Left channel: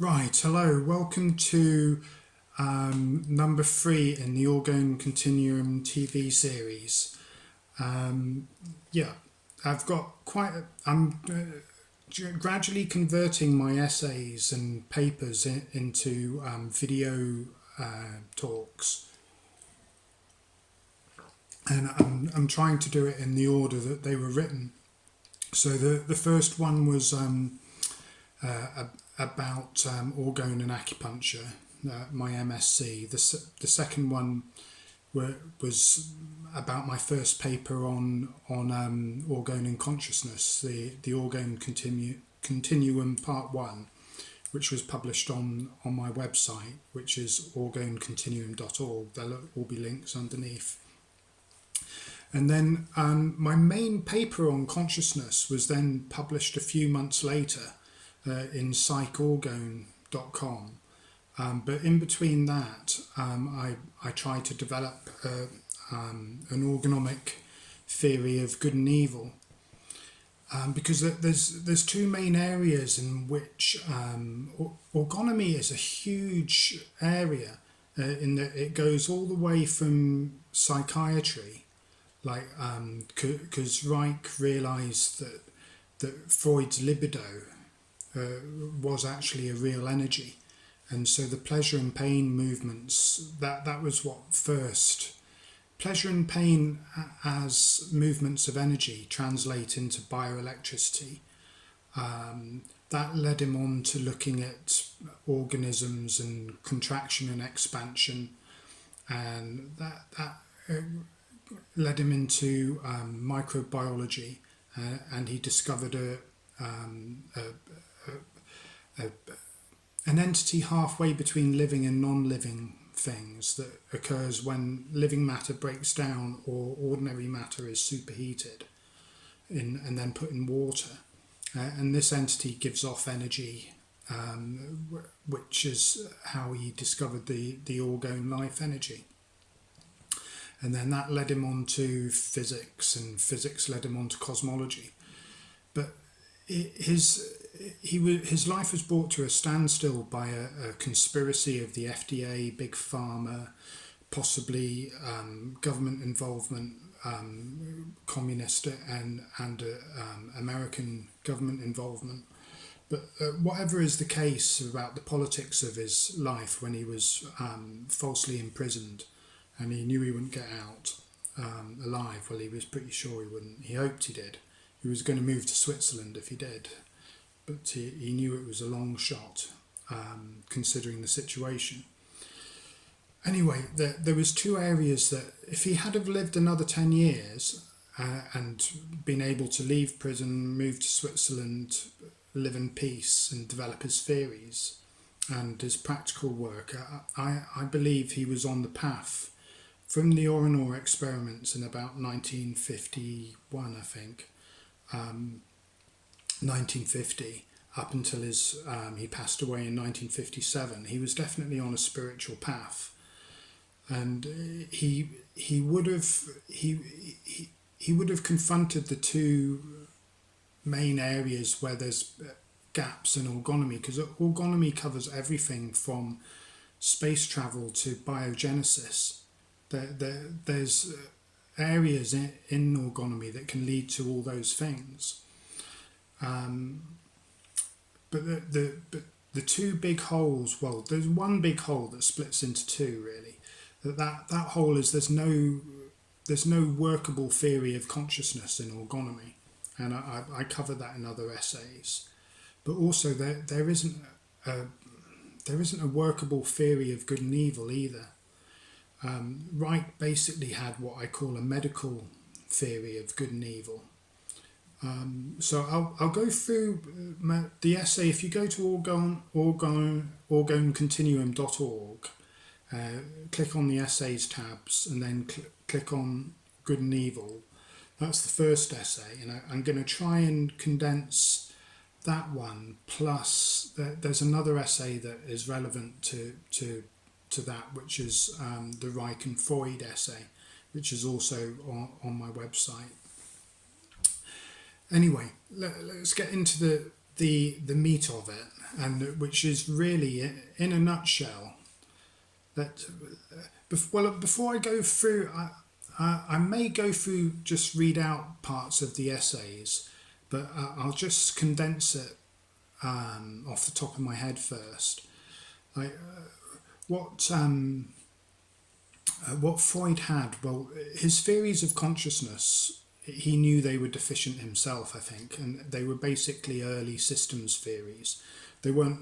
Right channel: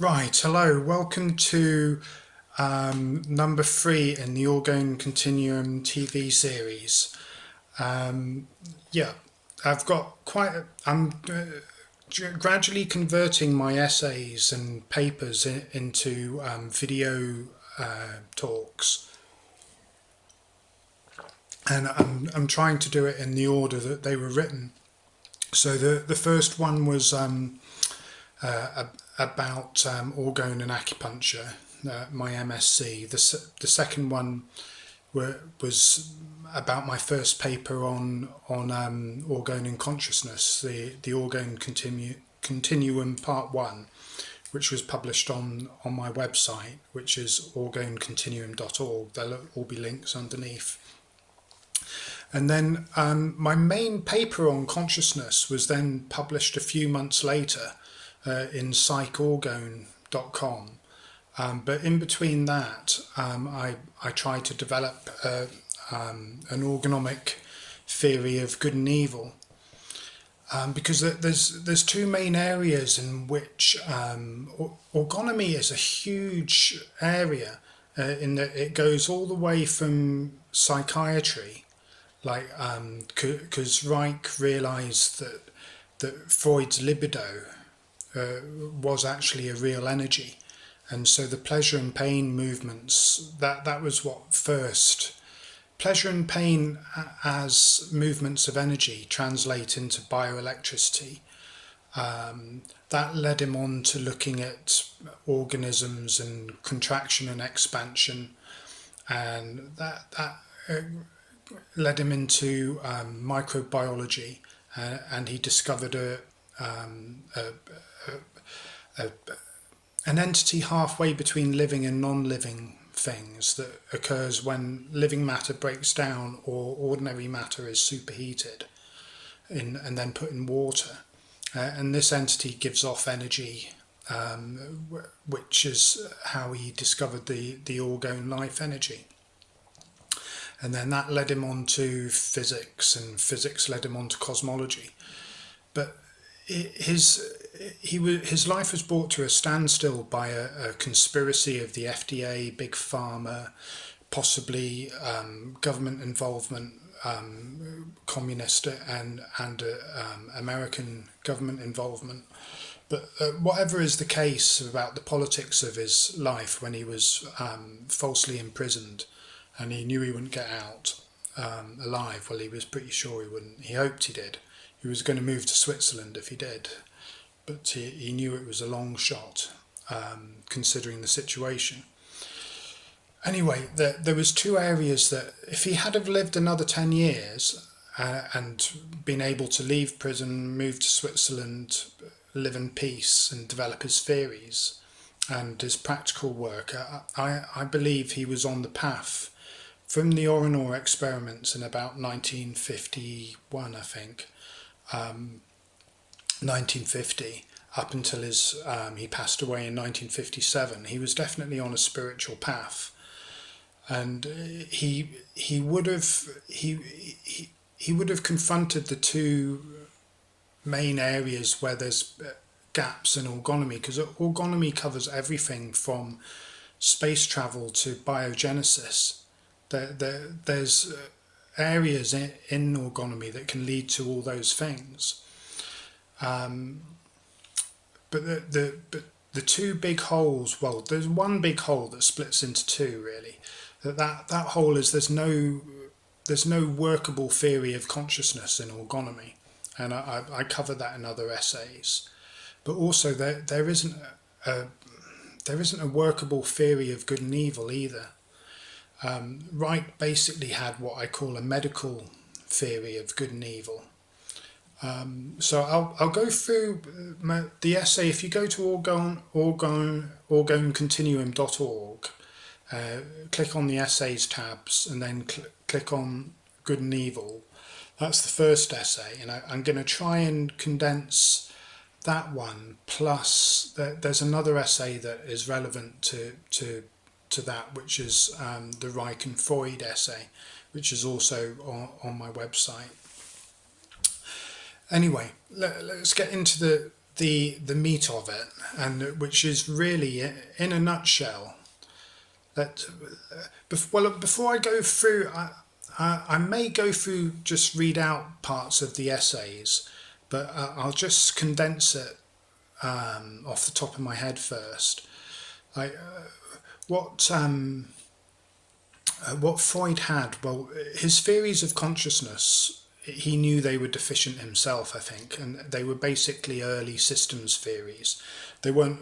Right, hello, welcome to number 3 in the Orgone Continuum TV series. Yeah, I've got I'm gradually converting my essays and papers into video talks, and I'm trying to do it in the order that they were written. So the first one was about orgone and acupuncture, my MSc. The second one was about my first paper on orgone and consciousness, the Orgone Continuum Part 1, which was published on my website, which is orgonecontinuum.org. There'll all be links underneath. And then my main paper on consciousness was then published a few months later in psychorgone.com. But in between that, I tried to develop an orgonomic theory of good and evil, because there's two main areas in which orgonomy is a huge area, in that it goes all the way from psychiatry, like because Reich realized that Freud's libido was actually a real energy. And so the pleasure and pain movements, that was what first. Pleasure and pain as movements of energy translate into bioelectricity. That led him on to looking at organisms and contraction and expansion, and that led him into microbiology, and he discovered an entity halfway between living and non-living things that occurs when living matter breaks down or ordinary matter is superheated and then put in water. And this entity gives off energy, which is how he discovered the orgone life energy. And then that led him on to physics, and physics led him on to cosmology. But his life was brought to a standstill by a conspiracy of the FDA, Big Pharma, possibly government involvement, communist and American government involvement. But whatever is the case about the politics of his life, when he was falsely imprisoned and he knew he wouldn't get out alive, well, he was pretty sure he wouldn't. He hoped he did. He was going to move to Switzerland if he did, but he knew it was a long shot, considering the situation. Anyway, there was two areas that if he had have lived another 10 years and been able to leave prison, move to Switzerland, live in peace and develop his theories and his practical work, I believe he was on the path from the Orgone experiments in about 1951, I think, 1950, up until he passed away in 1957. He was definitely on a spiritual path, and he would have confronted the two main areas where there's gaps in orgonomy, because orgonomy covers everything from space travel to biogenesis. There's areas in orgonomy that can lead to all those things. But the two big holes, well, there's one big hole that splits into two, really. That hole is there's no workable theory of consciousness in orgonomy, and I cover that in other essays. But also there isn't a workable theory of good and evil either. Reich basically had what I call a medical theory of good and evil. So I'll go through the essay. If you go to orgonecontinuum.org, click on the essays tabs, and then click on good and evil. That's the first essay, and I'm going to try and condense that one. Plus, there's another essay that is relevant to that, which is the Reich and Freud essay, which is also on my website. Anyway, let's get into the meat of it, and which is really, in a nutshell, that well, before I go through, I may go through, just read out parts of the essays, but I'll just condense it off the top of my head first. I, what what Freud had, well, his theories of consciousness, he knew they were deficient himself, I think, and they were basically early systems theories. They weren't,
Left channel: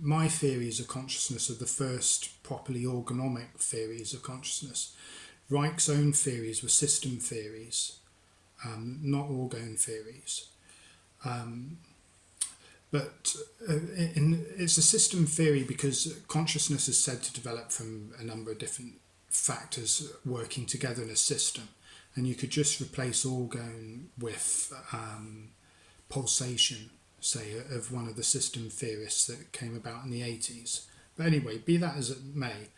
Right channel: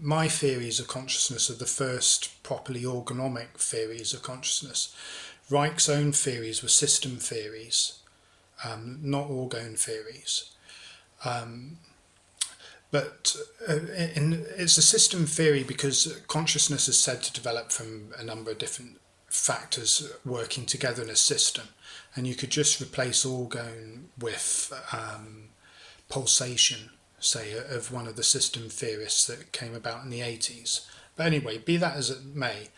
my theories of consciousness are the first properly orgonomic theories of consciousness. Reich's own theories were system theories, not orgone theories. But it's a system theory because consciousness is said to develop from a number of different factors working together in a system. And you could just replace orgone with pulsation, say, of one of the system theorists that came about in the 80s. But anyway, be that as it may,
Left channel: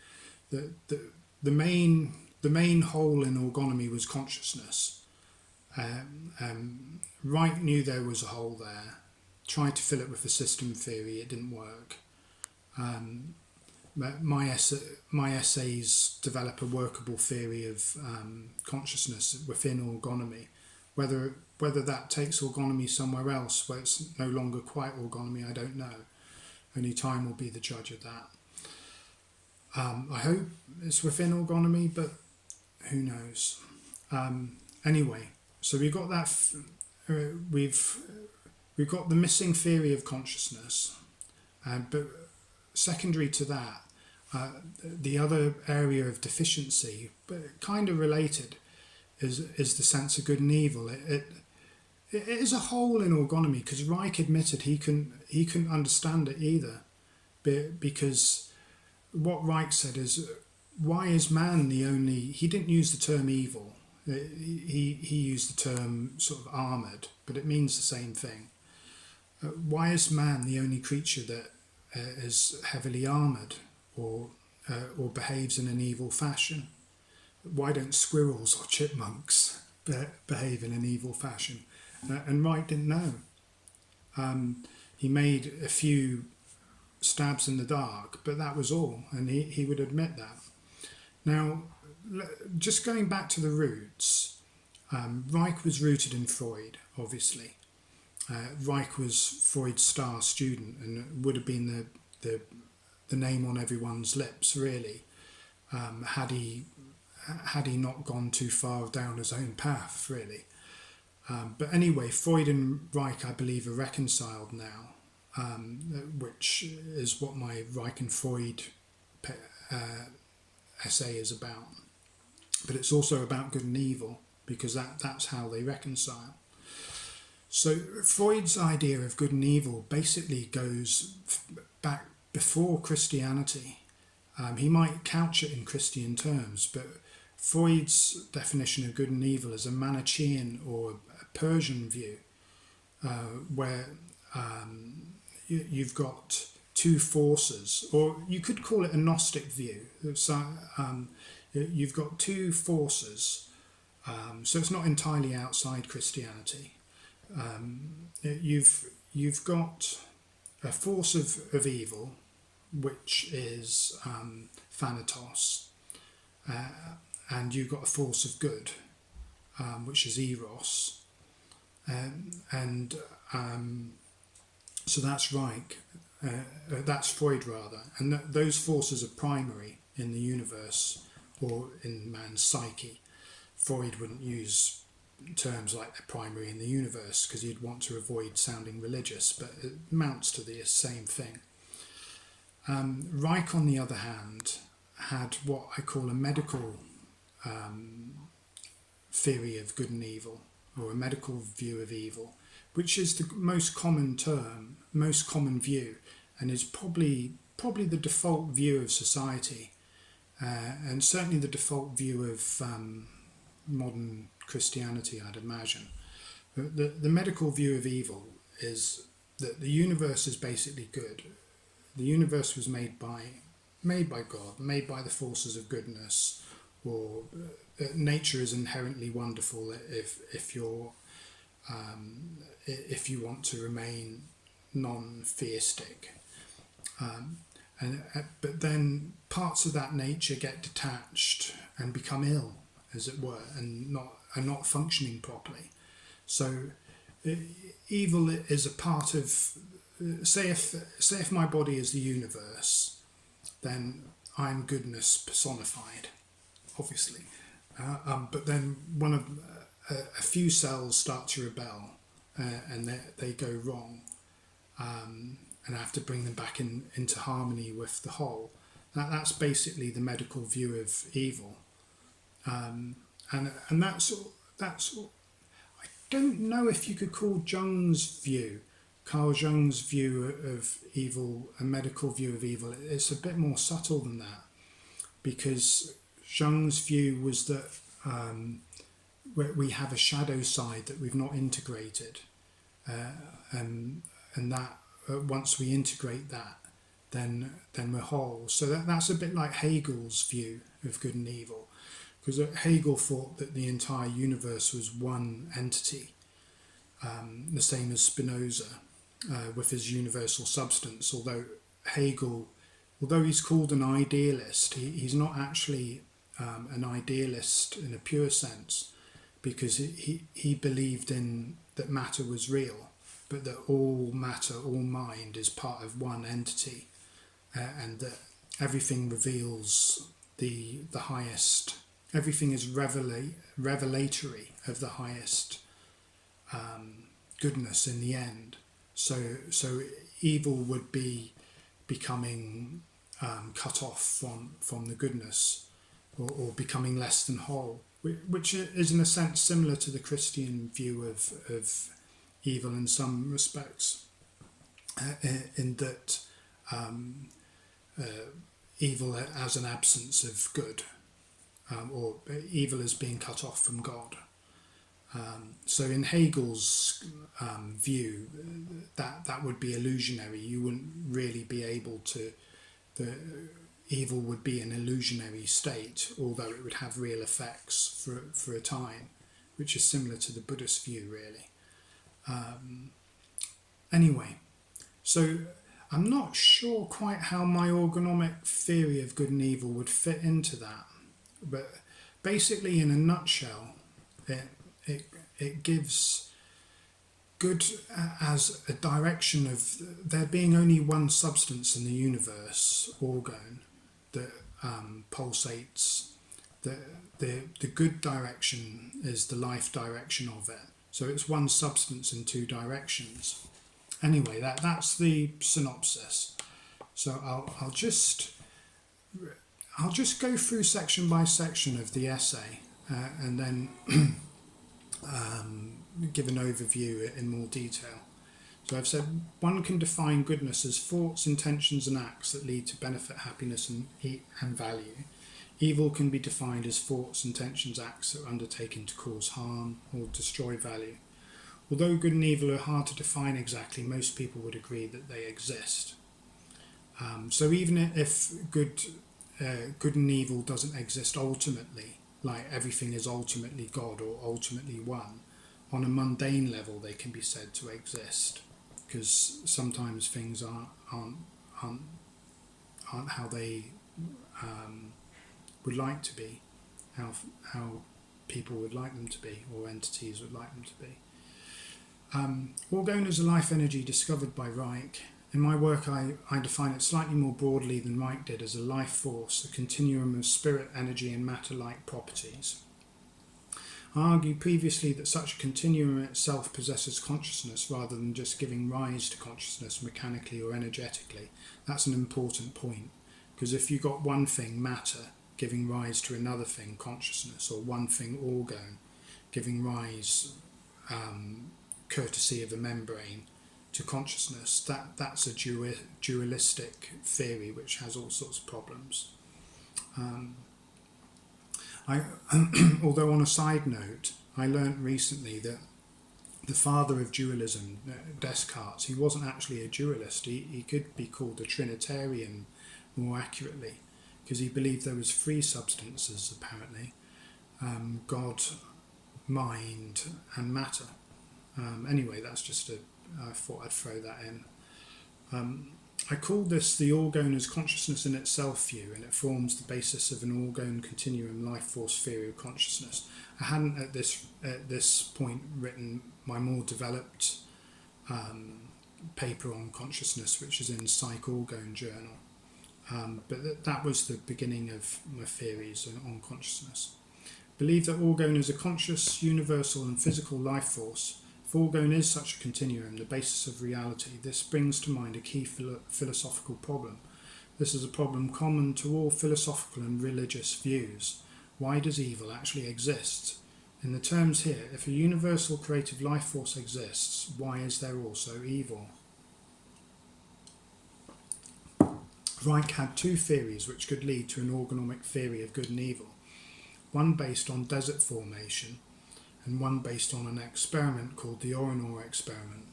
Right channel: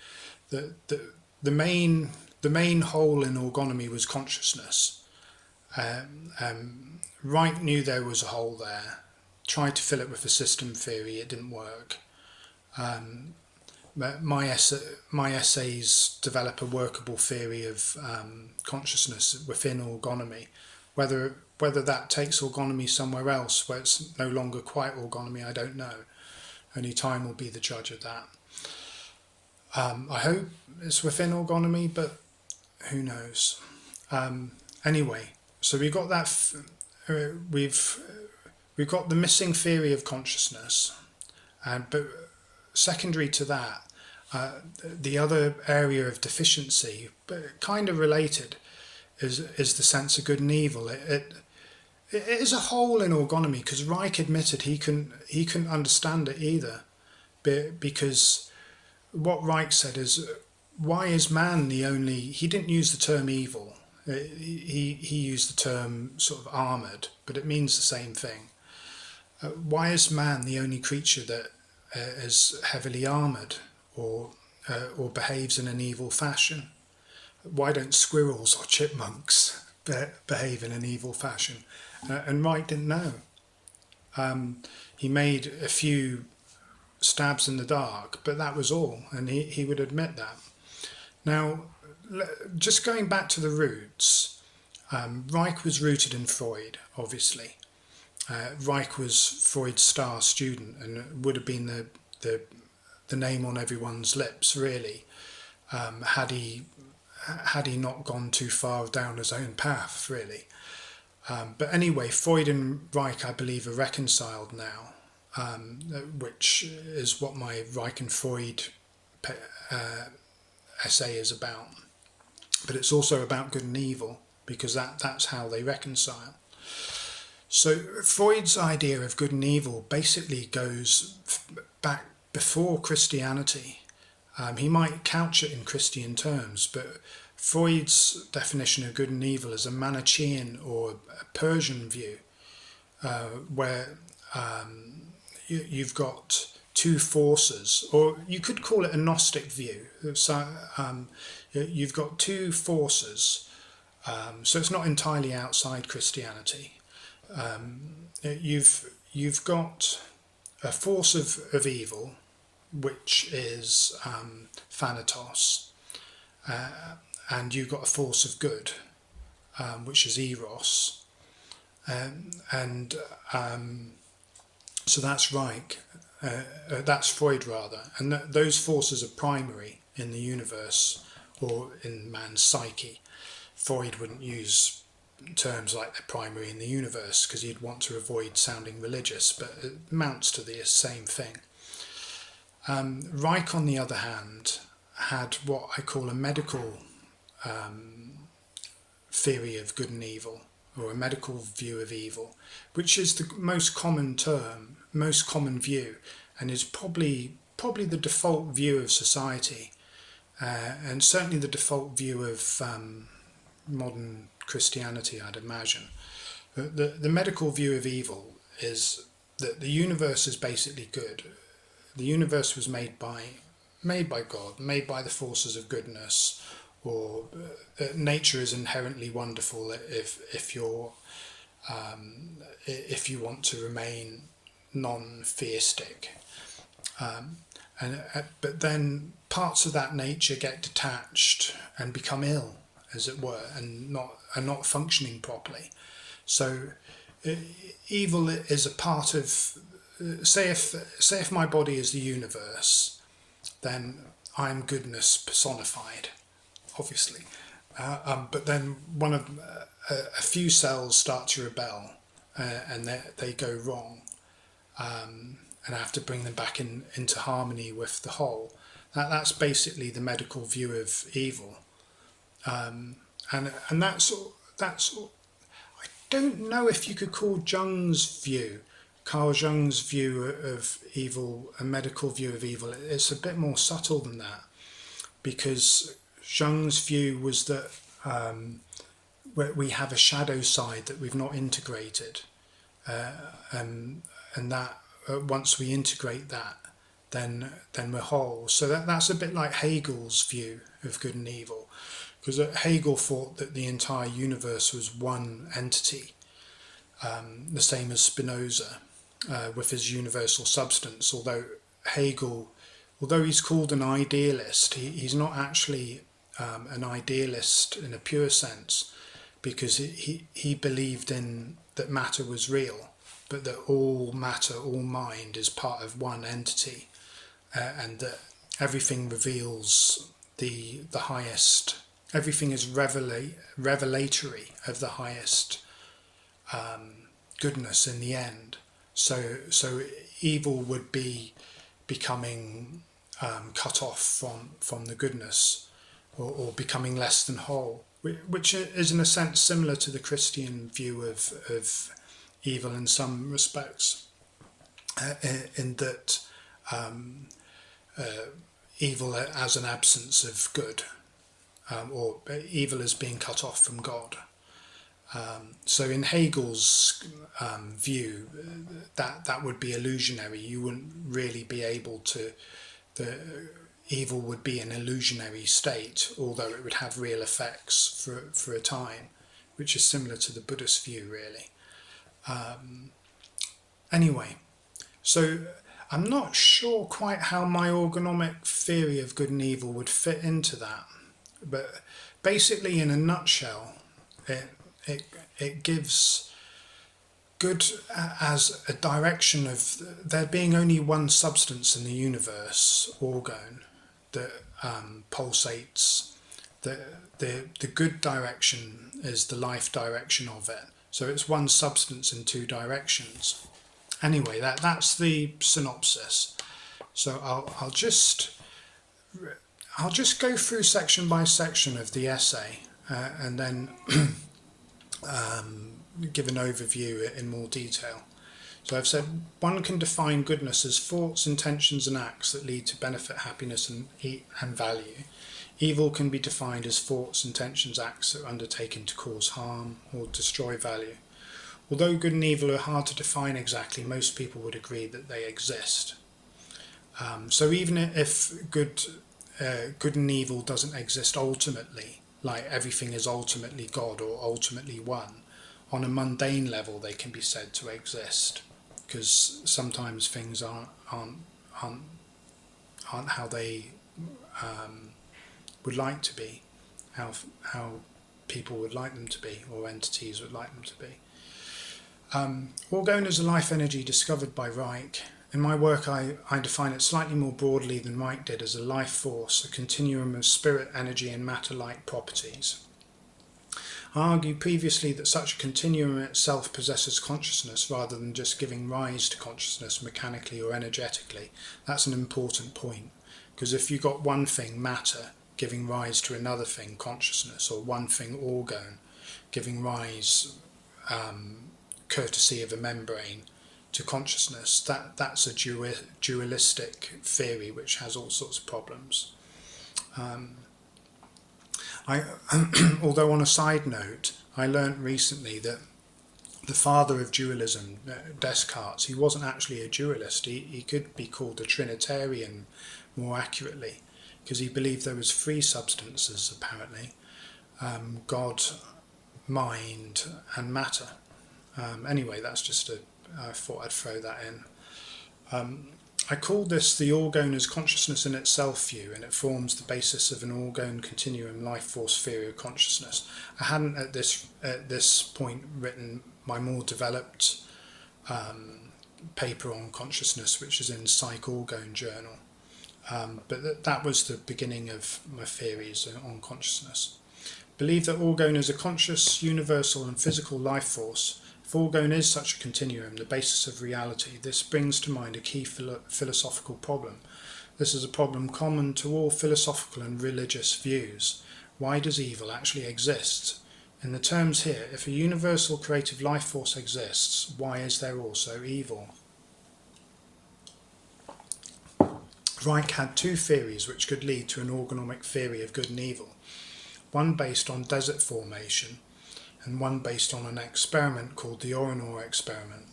the main hole in orgonomy was consciousness. Wright knew there was a hole there, tried to fill it with a system theory, it didn't work. My essays develop a workable theory of consciousness within orgonomy. Whether that takes orgonomy somewhere else, where it's no longer quite orgonomy, I don't know. Only time will be the judge of that. I hope it's within orgonomy, but who knows? Anyway, so we got that. We've got the missing theory of consciousness, but secondary to that, the other area of deficiency, but kind of related, is the sense of good and evil. It is a hole in orgonomy because Reich admitted he couldn't understand it either, because what Reich said is, why is man the only? He didn't use the term evil. He used the term sort of armoured, but it means the same thing. Why is man the only creature that is heavily armoured or behaves in an evil fashion? Why don't squirrels or chipmunks behave in an evil fashion? And Wright didn't know. He made a few stabs in the dark, but that was all, and he would admit that. Now, just going back to the roots, Reich was rooted in Freud, obviously. Reich was Freud's star student and would have been the name on everyone's lips, really, had he not gone too far down his own path, really. But anyway, Freud and Reich, I believe, are reconciled now, which is what my Reich and Freud essay is about. But it's also about good and evil, because that's how they reconcile. So Freud's idea of good and evil basically goes back before Christianity. He might couch it in Christian terms, but Freud's definition of good and evil is a Manichaean or a Persian view, where you've got two forces, or you could call it a Gnostic view. So you've got two forces, so it's not entirely outside Christianity. You've got a force of evil, which is Thanatos, and you've got a force of good, which is Eros, and so that's Reich, that's Freud rather, and those forces are primary in the universe or in man's psyche. Freud wouldn't use terms like they're primary in the universe because he'd want to avoid sounding religious, but it amounts to the same thing. Reich, on the other hand, had what I call a medical theory of good and evil, or a medical view of evil, which is the most common term, most common view, and is probably the default view of society, and certainly the default view of modern Christianity, I'd imagine. The medical view of evil is that the universe is basically good. The universe was made by God, made by the forces of goodness, or nature is inherently wonderful if you want to remain non-theistic. But then parts of that nature get detached and become ill, as it were, and are not functioning properly. So evil is a part of, say if my body is the universe, then I'm goodness personified, obviously. But then a few cells start to rebel, and they go wrong, and I have to bring them back into harmony with the whole. That's basically the medical view of evil, and that's I don't know if you could call Carl Jung's view of evil, a medical view of evil. It's a bit more subtle than that, because Jung's view was that we have a shadow side that we've not integrated, and that once we integrate that, then we're whole. So that's a bit like Hegel's view of good and evil, because Hegel thought that the entire universe was one entity, the same as Spinoza with his universal substance. Although he's called an idealist, he's not actually an idealist in a pure sense, because he believed in that matter was real, but that all matter, all mind is part of one entity, and that everything reveals the highest. Everything is revelatory of the highest goodness in the end. So evil would be becoming cut off from the goodness, or becoming less than whole, which is in a sense similar to the Christian view of evil in some respects, in that evil as an absence of good, or evil as being cut off from God. So in Hegel's view, that would be illusionary. You wouldn't really be able to. The evil would be an illusionary state, although it would have real effects for a time, which is similar to the Buddhist view, really. Anyway, so I'm not sure quite how my orgonomic theory of good and evil would fit into that, but basically, in a nutshell, it gives good as a direction of there being only one substance in the universe, Orgone, that pulsates. The good direction is the life direction of it. So it's one substance in two directions. Anyway, that's the synopsis. So I'll just go through section by section of the essay, and then give an overview in more detail. So I've said one can define goodness as thoughts, intentions and acts that lead to benefit, happiness and value. Evil can be defined as thoughts, intentions, acts that are undertaken to cause harm or destroy value. Although good and evil are hard to define exactly, most people would agree that they exist. So even if good and evil doesn't exist ultimately, like everything is ultimately God or ultimately one, on a mundane level they can be said to exist, because sometimes things aren't how they would like to be, how people would like them to be, or entities would like them to be. Orgone is a life energy discovered by Reich. In my work, I define it slightly more broadly than Reich did as a life force, a continuum of spirit, energy and matter-like properties. I argued previously that such a continuum itself possesses consciousness rather than just giving rise to consciousness mechanically or energetically. That's an important point, because if you've got one thing, matter, giving rise to another thing, consciousness, or one thing, orgone, giving rise, courtesy of a membrane, to consciousness, that's a dualistic theory which has all sorts of problems. Although on a side note, I learnt recently that the father of dualism, Descartes, he wasn't actually a dualist. He could be called a Trinitarian more accurately, because he believed there was three substances apparently: God, mind and matter. Anyway, that's just I thought I'd throw that in. I call this the Orgone as consciousness in itself view, and it forms the basis of an Orgone continuum life force theory of consciousness. I hadn't at this point written my more developed paper on consciousness, which is in Psych Orgone Journal, but that was the beginning of my theories on consciousness. Believe that Orgone is a conscious, universal and physical life force. If Orgone is such a continuum, the basis of reality, this brings to mind a key philosophical problem. This is a problem common to all philosophical and religious views. Why does evil actually exist? In the terms here, if a universal creative life force exists, why is there also evil? Reich had two theories which could lead to an orgonomic theory of good and evil, one based on desert formation and one based on an experiment called the Orgone experiment.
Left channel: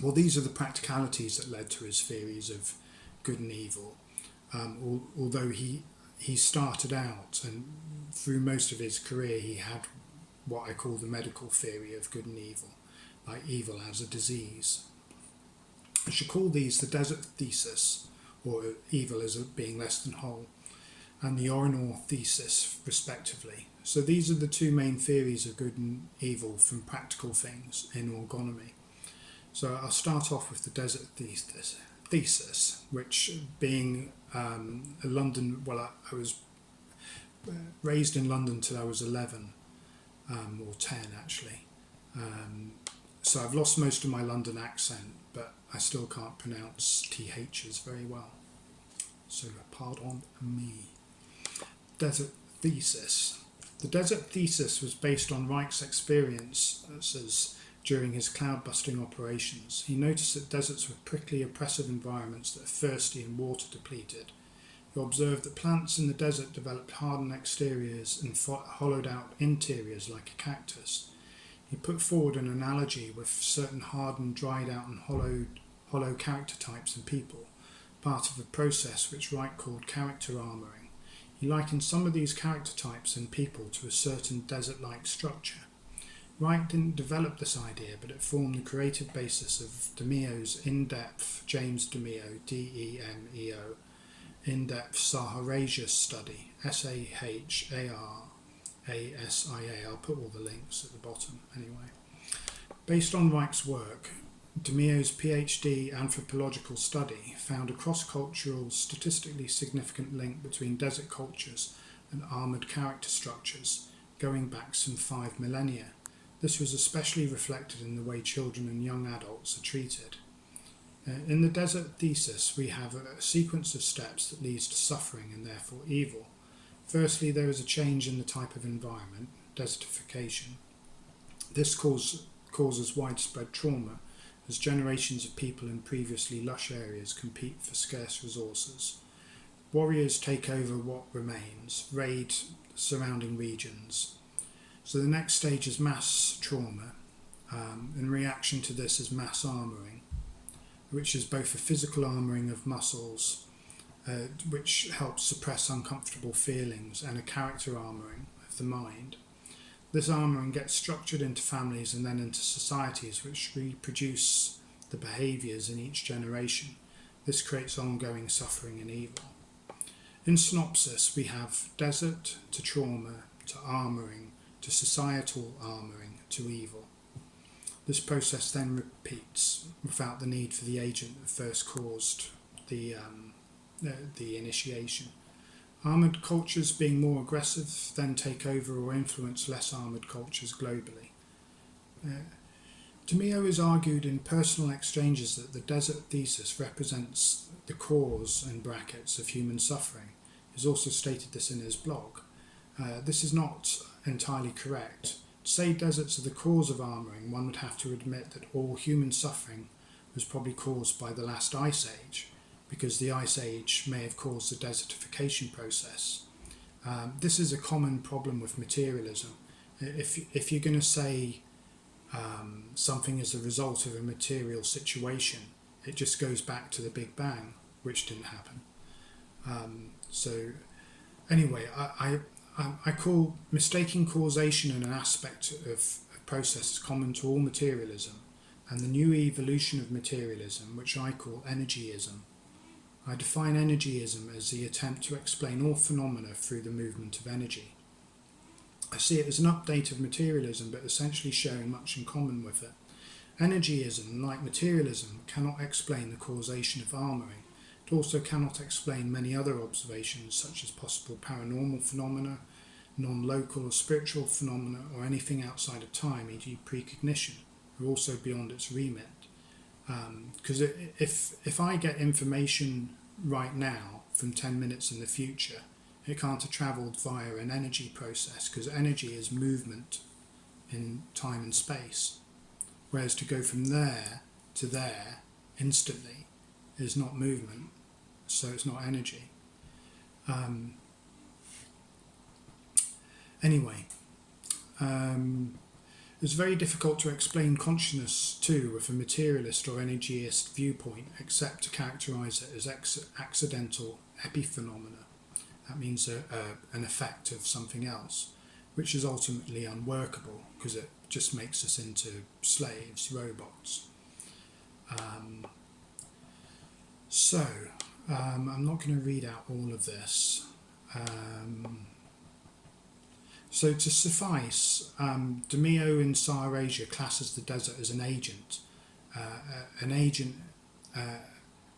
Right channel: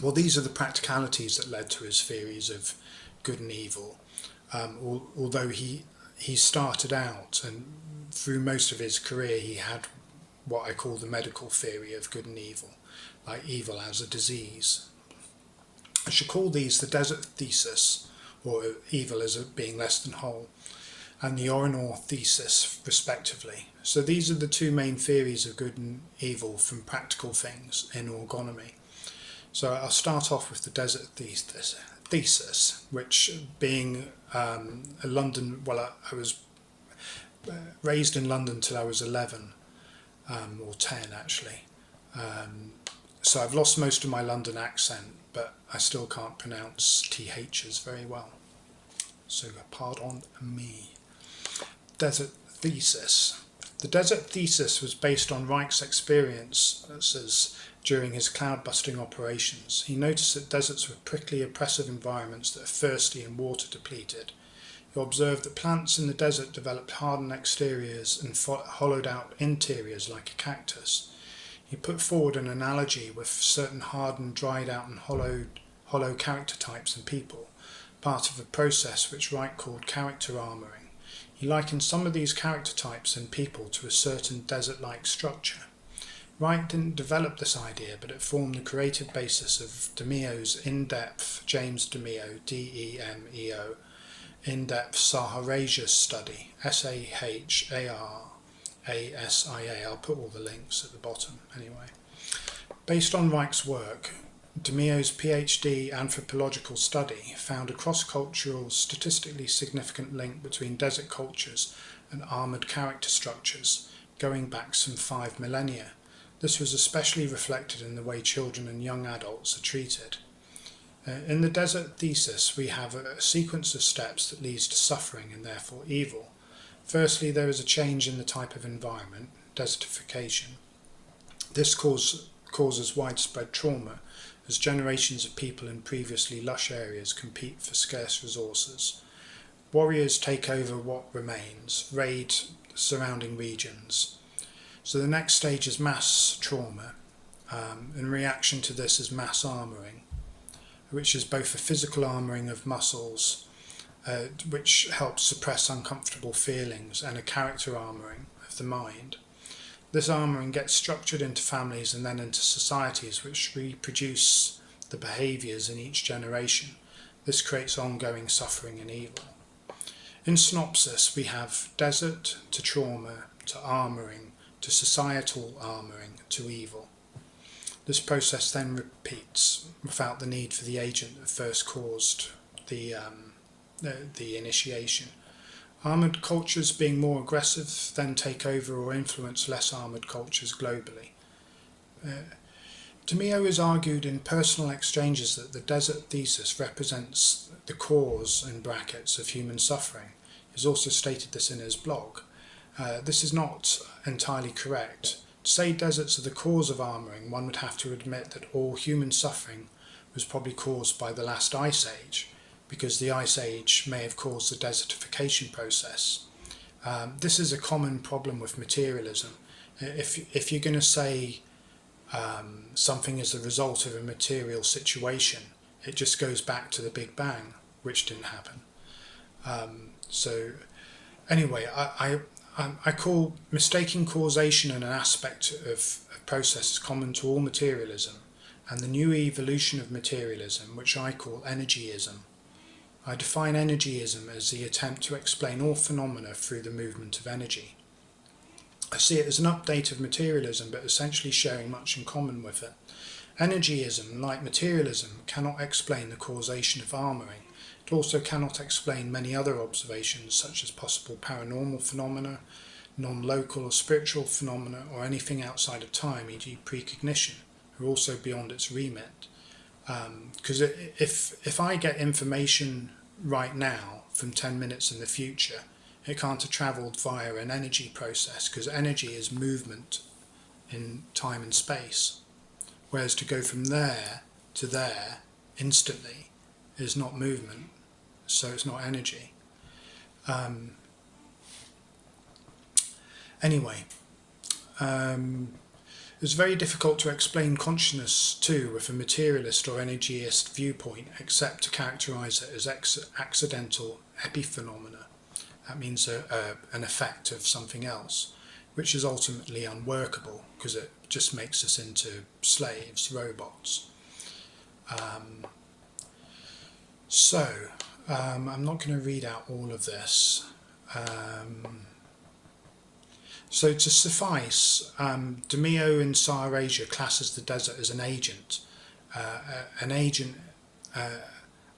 Well, these are the practicalities that led to his theories of good and evil, although he started out, and through most of his career he had what I call the medical theory of good and evil, like evil as a disease. I should call these the desert thesis, or evil as being less than whole, and the Orgone thesis, respectively. So these are the two main theories of good and evil from practical things in orgonomy. So I'll start off with the desert thesis, which being a London, I was raised in London till I was 11, or 10 actually. So I've lost most of my London accent, but I still can't pronounce THs very well. So pardon me. Desert thesis. The desert thesis was based on Reich's experiences during his cloud-busting operations. He noticed that deserts were prickly, oppressive environments that are thirsty and water depleted. He observed that plants in the desert developed hardened exteriors and hollowed out interiors like a cactus. He put forward an analogy with certain hardened, dried out and hollow character types in people, part of a process which Reich called character armouring. He likened some of these character types in people to a certain desert-like structure. Reich didn't develop this idea, but it formed the creative basis of DeMeo's in-depth, James DeMeo, D-E-M-E-O, in-depth Saharasia study, S-A-H-A-R-A-S-I-A. I'll put all the links at the bottom anyway. Based on Reich's work, DeMeo's PhD anthropological study found a cross-cultural, statistically significant link between desert cultures and armoured character structures, going back some 5 millennia. This was especially reflected in the way children and young adults are treated. In the desert thesis, we have a sequence of steps that leads to suffering and therefore evil. Firstly, there is a change in the type of environment, desertification. This causes widespread trauma, as generations of people in previously lush areas compete for scarce resources. Warriors take over what remains, raid surrounding regions. So the next stage is mass trauma. In reaction to this is mass armouring, which is both a physical armouring of muscles, which helps suppress uncomfortable feelings, and a character armouring of the mind. This armouring gets structured into families and then into societies which reproduce the behaviours in each generation. This creates ongoing suffering and evil. In synopsis, we have desert to trauma to armouring to societal armouring to evil. This process then repeats without the need for the agent that first caused the initiation. Armoured cultures being more aggressive then take over or influence less armoured cultures globally. DeMeo has argued in Personal Exchanges that the desert thesis represents the cause, in brackets, of human suffering. He's also stated this in his blog. This is not entirely correct. To say deserts are the cause of armouring, one would have to admit that all human suffering was probably caused by the last ice age, because the ice age may have caused the desertification process. This is a common problem with materialism. If you're going to say something is the result of a material situation, it just goes back to the Big Bang, which didn't happen. So anyway, I call mistaking causation and an aspect of a process common to all materialism, and the new evolution of materialism, which I call energyism. I define energyism as the attempt to explain all phenomena through the movement of energy. I see it as an update of materialism, but essentially sharing much in common with it. Energyism, like materialism, cannot explain the causation of armouring. It also cannot explain many other observations, such as possible paranormal phenomena, non-local or spiritual phenomena, or anything outside of time, e.g. precognition, are also beyond its remit. Because if I get information right now from 10 minutes in the future, it can't have travelled via an energy process, because energy is movement in time and space. Whereas to go from there to there instantly is not movement, so it's not energy. Anyway, it's very difficult to explain consciousness too with a materialist or energyist viewpoint, except to characterise it as accidental epiphenomena. That means an effect of something else, which is ultimately unworkable because it just makes us into slaves, robots. I'm not going to read out all of this. So to suffice, DeMeo in Saharasia classes the desert as an agent. An agent,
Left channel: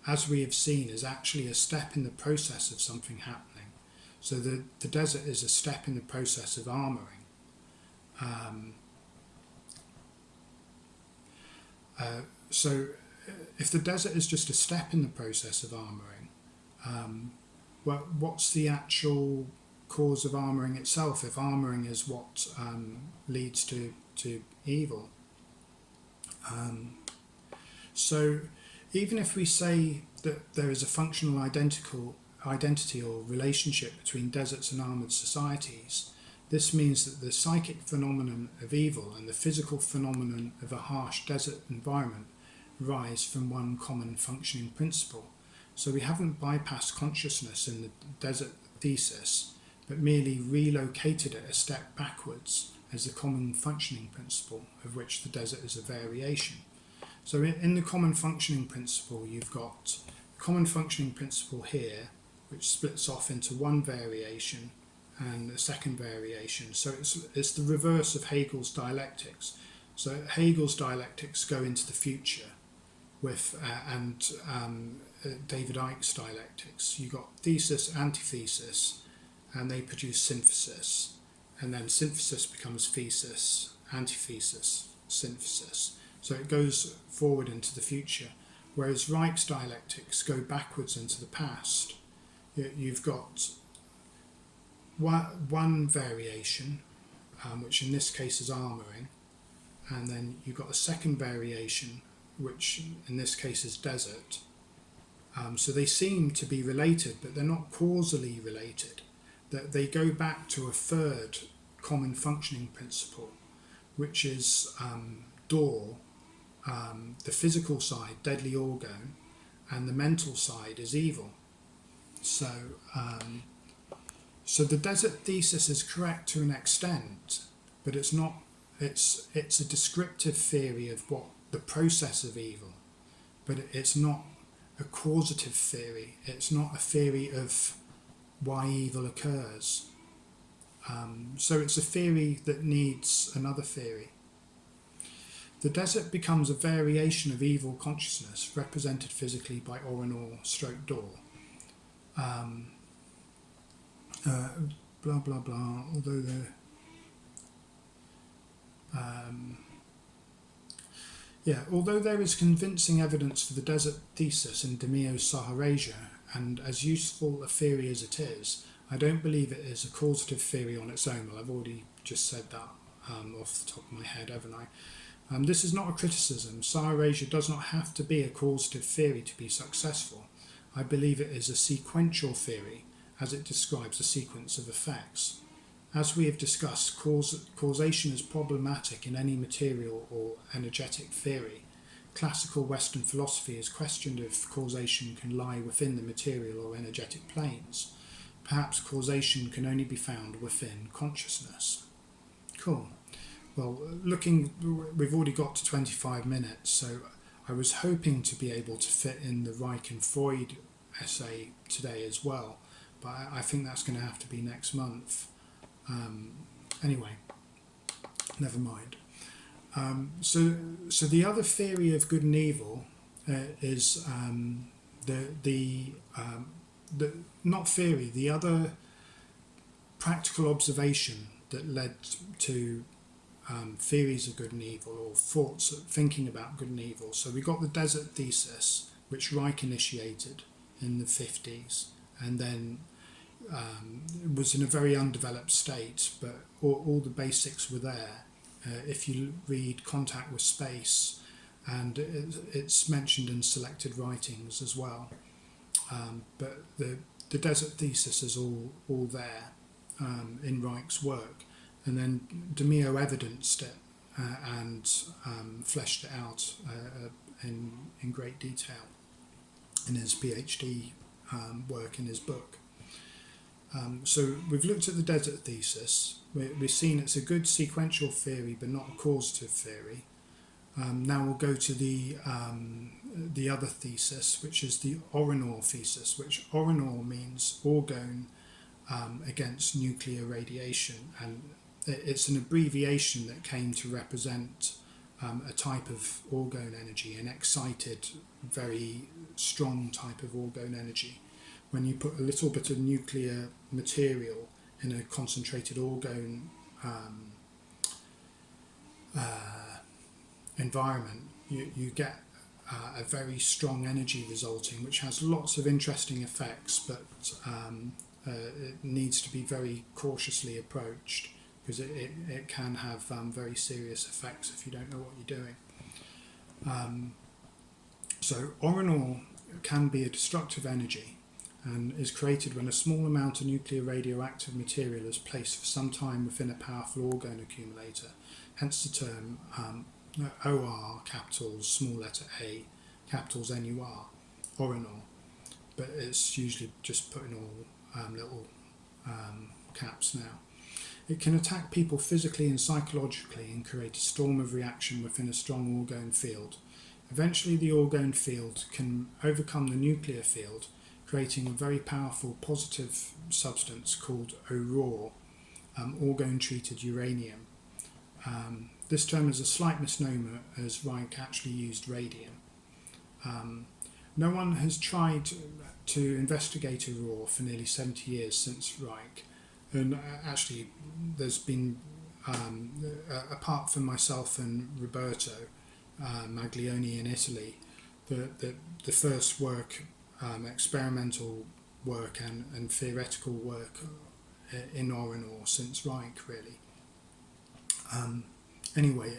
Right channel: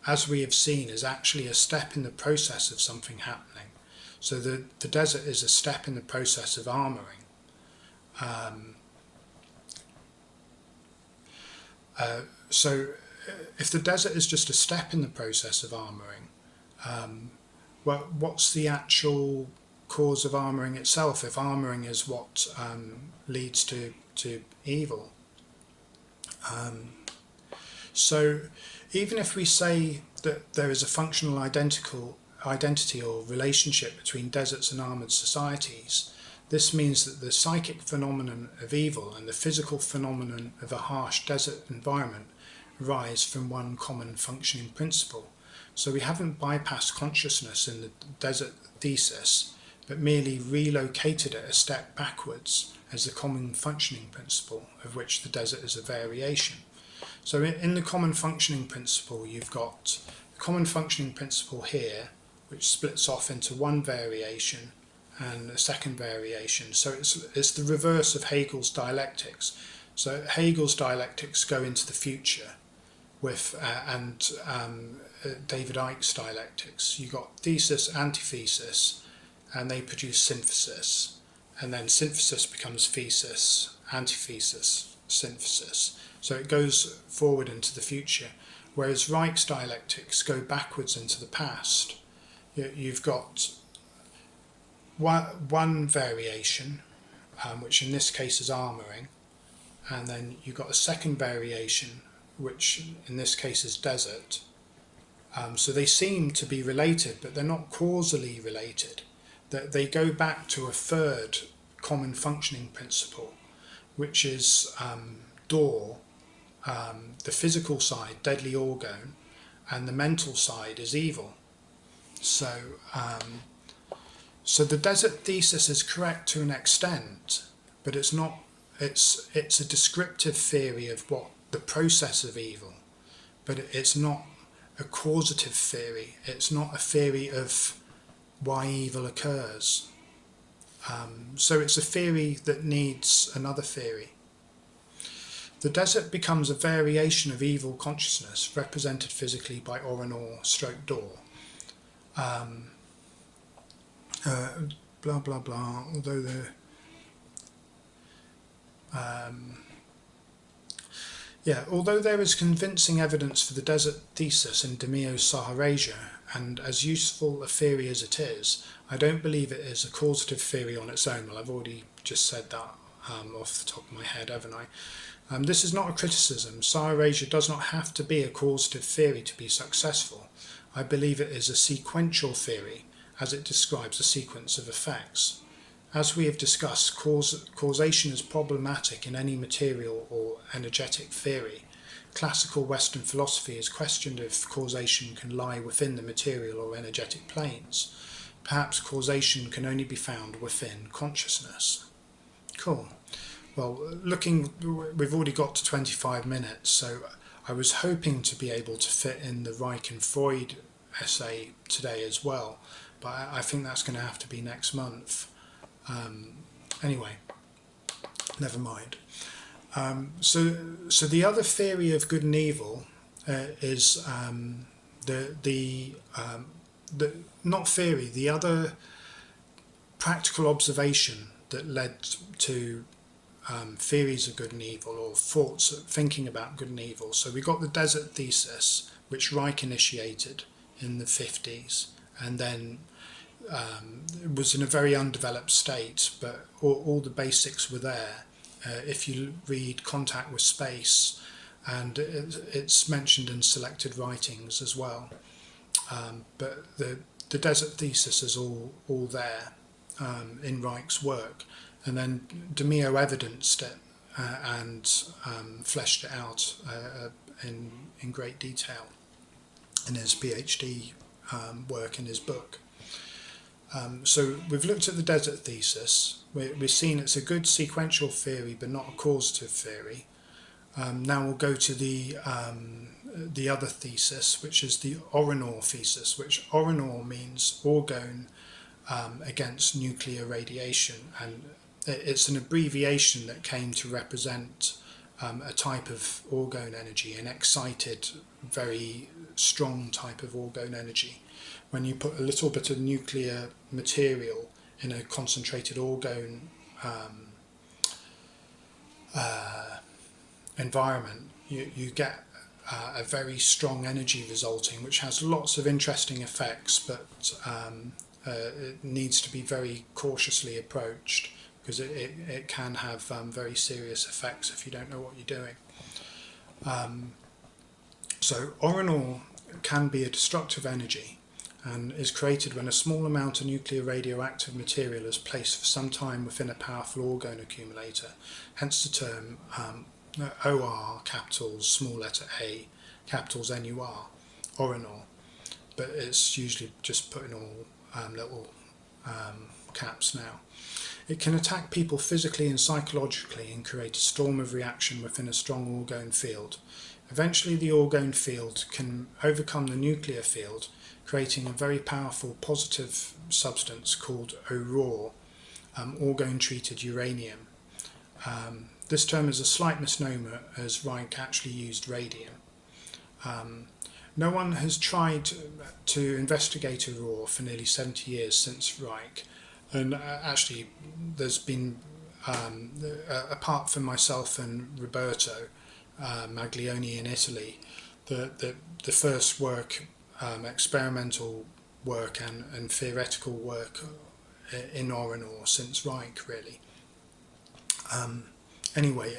as we have seen, is actually a step in the process of something happening. So the desert is a step in the process of armouring. So if the desert is just a step in the process of armouring, what's the actual cause of armouring itself, if armouring is what leads to evil? So even if we say that there is a functional identity or relationship between deserts and armoured societies, this means that the psychic phenomenon of evil and the physical phenomenon of a harsh desert environment arise from one common functioning principle. So we haven't bypassed consciousness in the desert thesis, but merely relocated it a step backwards as the common functioning principle, of which the desert is a variation. So in the common functioning principle, you've got the common functioning principle here, which splits off into one variation and a second variation. So it's the reverse of Hegel's dialectics. So Hegel's dialectics go into the future with David Icke's dialectics. You've got thesis, antithesis, and they produce synthesis. And then synthesis becomes thesis, antithesis, synthesis. So it goes forward into the future. Whereas Reich's dialectics go backwards into the past. You've got one variation, which in this case is armouring, and then you've got a second variation, which in this case is desert. So they seem to be related, but they're not causally related. They go back to a third common functioning principle, which is door, the physical side, deadly orgone, and the mental side is evil. So the desert thesis is correct to an extent, but it's not. It's a descriptive theory of what the process of evil, but it's not a causative theory. It's not a theory of why evil occurs. So it's a theory that needs another theory. The desert becomes a variation of evil consciousness represented physically by Orgone/door. Blah blah blah. Although although there is convincing evidence for the desert thesis in DeMeo's Saharasia, and as useful a theory as it is, I don't believe it is a causative theory on its own. Well, I've already just said that off the top of my head, haven't I? This is not a criticism. Saharasia does not have to be a causative theory to be successful. I believe it is a sequential theory, as it describes a sequence of effects. As we have discussed, causation is problematic in any material or energetic theory. Classical Western philosophy has questioned if causation can lie within the material or energetic planes. Perhaps causation can only be found within consciousness. Cool. Well, we've already got to 25 minutes, so I was hoping to be able to fit in the Reich and Freud essay today as well, but I think that's going to have to be next month. Anyway, never mind. So the other theory of good and evil is the not theory, the other practical observation that led to theories of good and evil, or thoughts, thinking about good and evil. So we got the desert thesis, which Reich initiated in the 50s, and then it was in a very undeveloped state, but all the basics were there. If you read Contact with Space, and it's mentioned in selected writings as well. But the desert thesis is all there in Reich's work. And then DeMeo evidenced it and fleshed it out in great detail in his PhD work, in his book. So we've looked at the desert thesis. We've seen it's a good sequential theory, but not a causative theory. Now we'll go to the other thesis, which is the Orgone thesis, which Orgone means orgone against nuclear radiation, and it's an abbreviation that came to represent a type of orgone energy, an excited, very strong type of orgone energy. When you put a little bit of nuclear material in a concentrated orgone environment, you get a very strong energy resulting, which has lots of interesting effects, but it needs to be very cautiously approached, because it can have very serious effects if you don't know what you're doing. So Orgone can be a destructive energy and is created when a small amount of nuclear radioactive material is placed for some time within a powerful orgone accumulator, hence the term OR, capitals, small letter A, capitals NUR, Orgone, but it's usually just put in all little caps now. It can attack people physically and psychologically and create a storm of reaction within a strong orgone field. Eventually the orgone field can overcome the nuclear field, creating a very powerful positive substance called OROR, orgone-treated uranium. This term is a slight misnomer, as Reich actually used radium. No one has tried to investigate OROR for nearly 70 years since Reich, and actually there's been, apart from myself and Roberto Maglione in Italy, the first work, experimental work and theoretical work in Orgone since Reich, really. Anyway,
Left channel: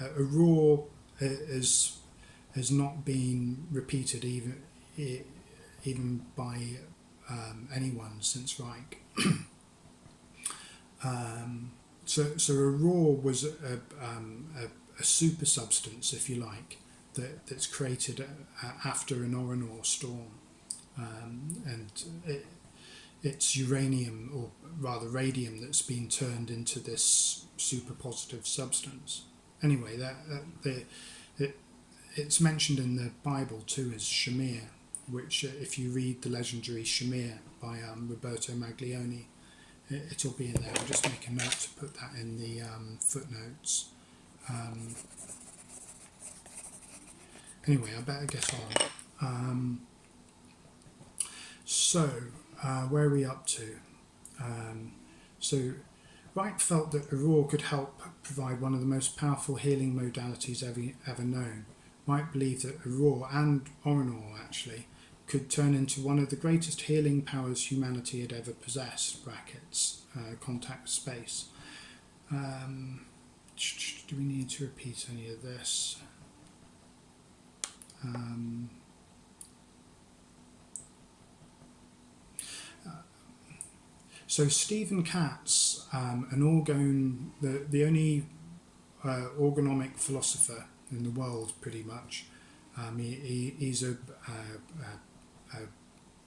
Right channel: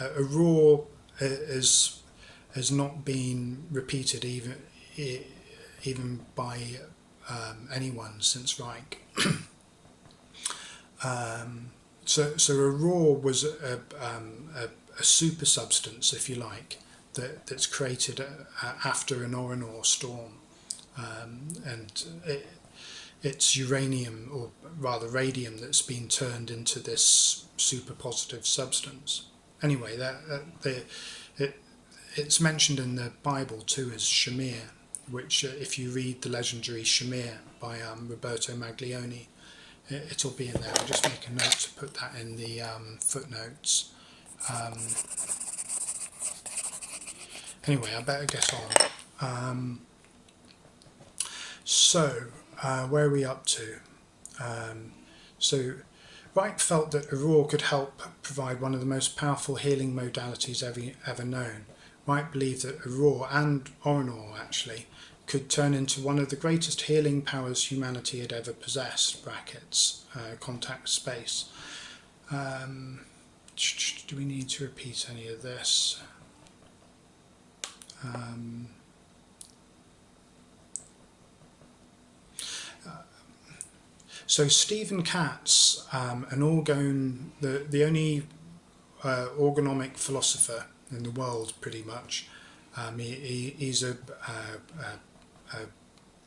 OROR has not been repeated even by anyone since Reich. So OROR was a super substance, if you like, that's created after an Orgone storm, and it's uranium, or rather radium, that's been turned into this super positive substance. Anyway, it's mentioned in the Bible too as Shamir, which if you read the legendary Shamir by Roberto Maglione, it'll be in there. I'll just make a note to put that in the footnotes. Anyway, I better get on. So where are we up to? So Reich felt that OROR could help provide one of the most powerful healing modalities ever known. Reich believed that OROR and Orgone actually could turn into one of the greatest healing powers humanity had ever possessed, brackets, contact space. Do we need to repeat any of this? So Stephen Katz, an orgone, the only orgonomic philosopher in the world, pretty much. He's a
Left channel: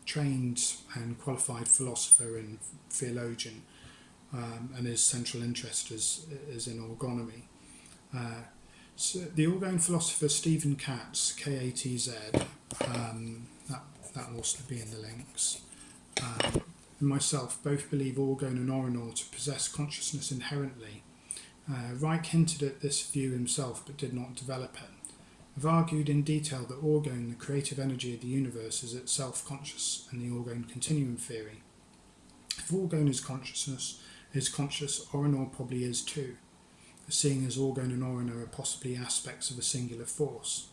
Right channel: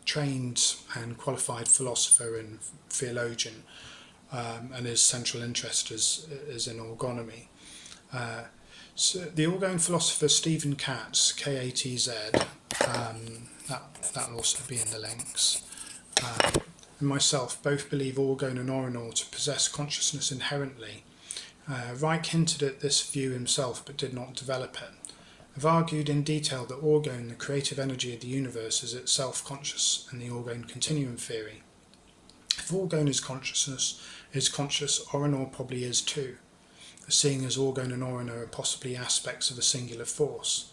trained and qualified philosopher and theologian. and his central interest is in orgonomy. So the Orgone philosopher Stephen Katz, K-A-T-Z, that'll also be in the links, and myself both believe Orgone and Orinor to possess consciousness inherently. Reich hinted at this view himself but did not develop it. I've argued in detail that Orgone, the creative energy of the universe, is itself conscious in the Orgone Continuum theory. If Orgone is conscious, Orinor probably is too, seeing as Orgone and Orinor are possibly aspects of a singular force.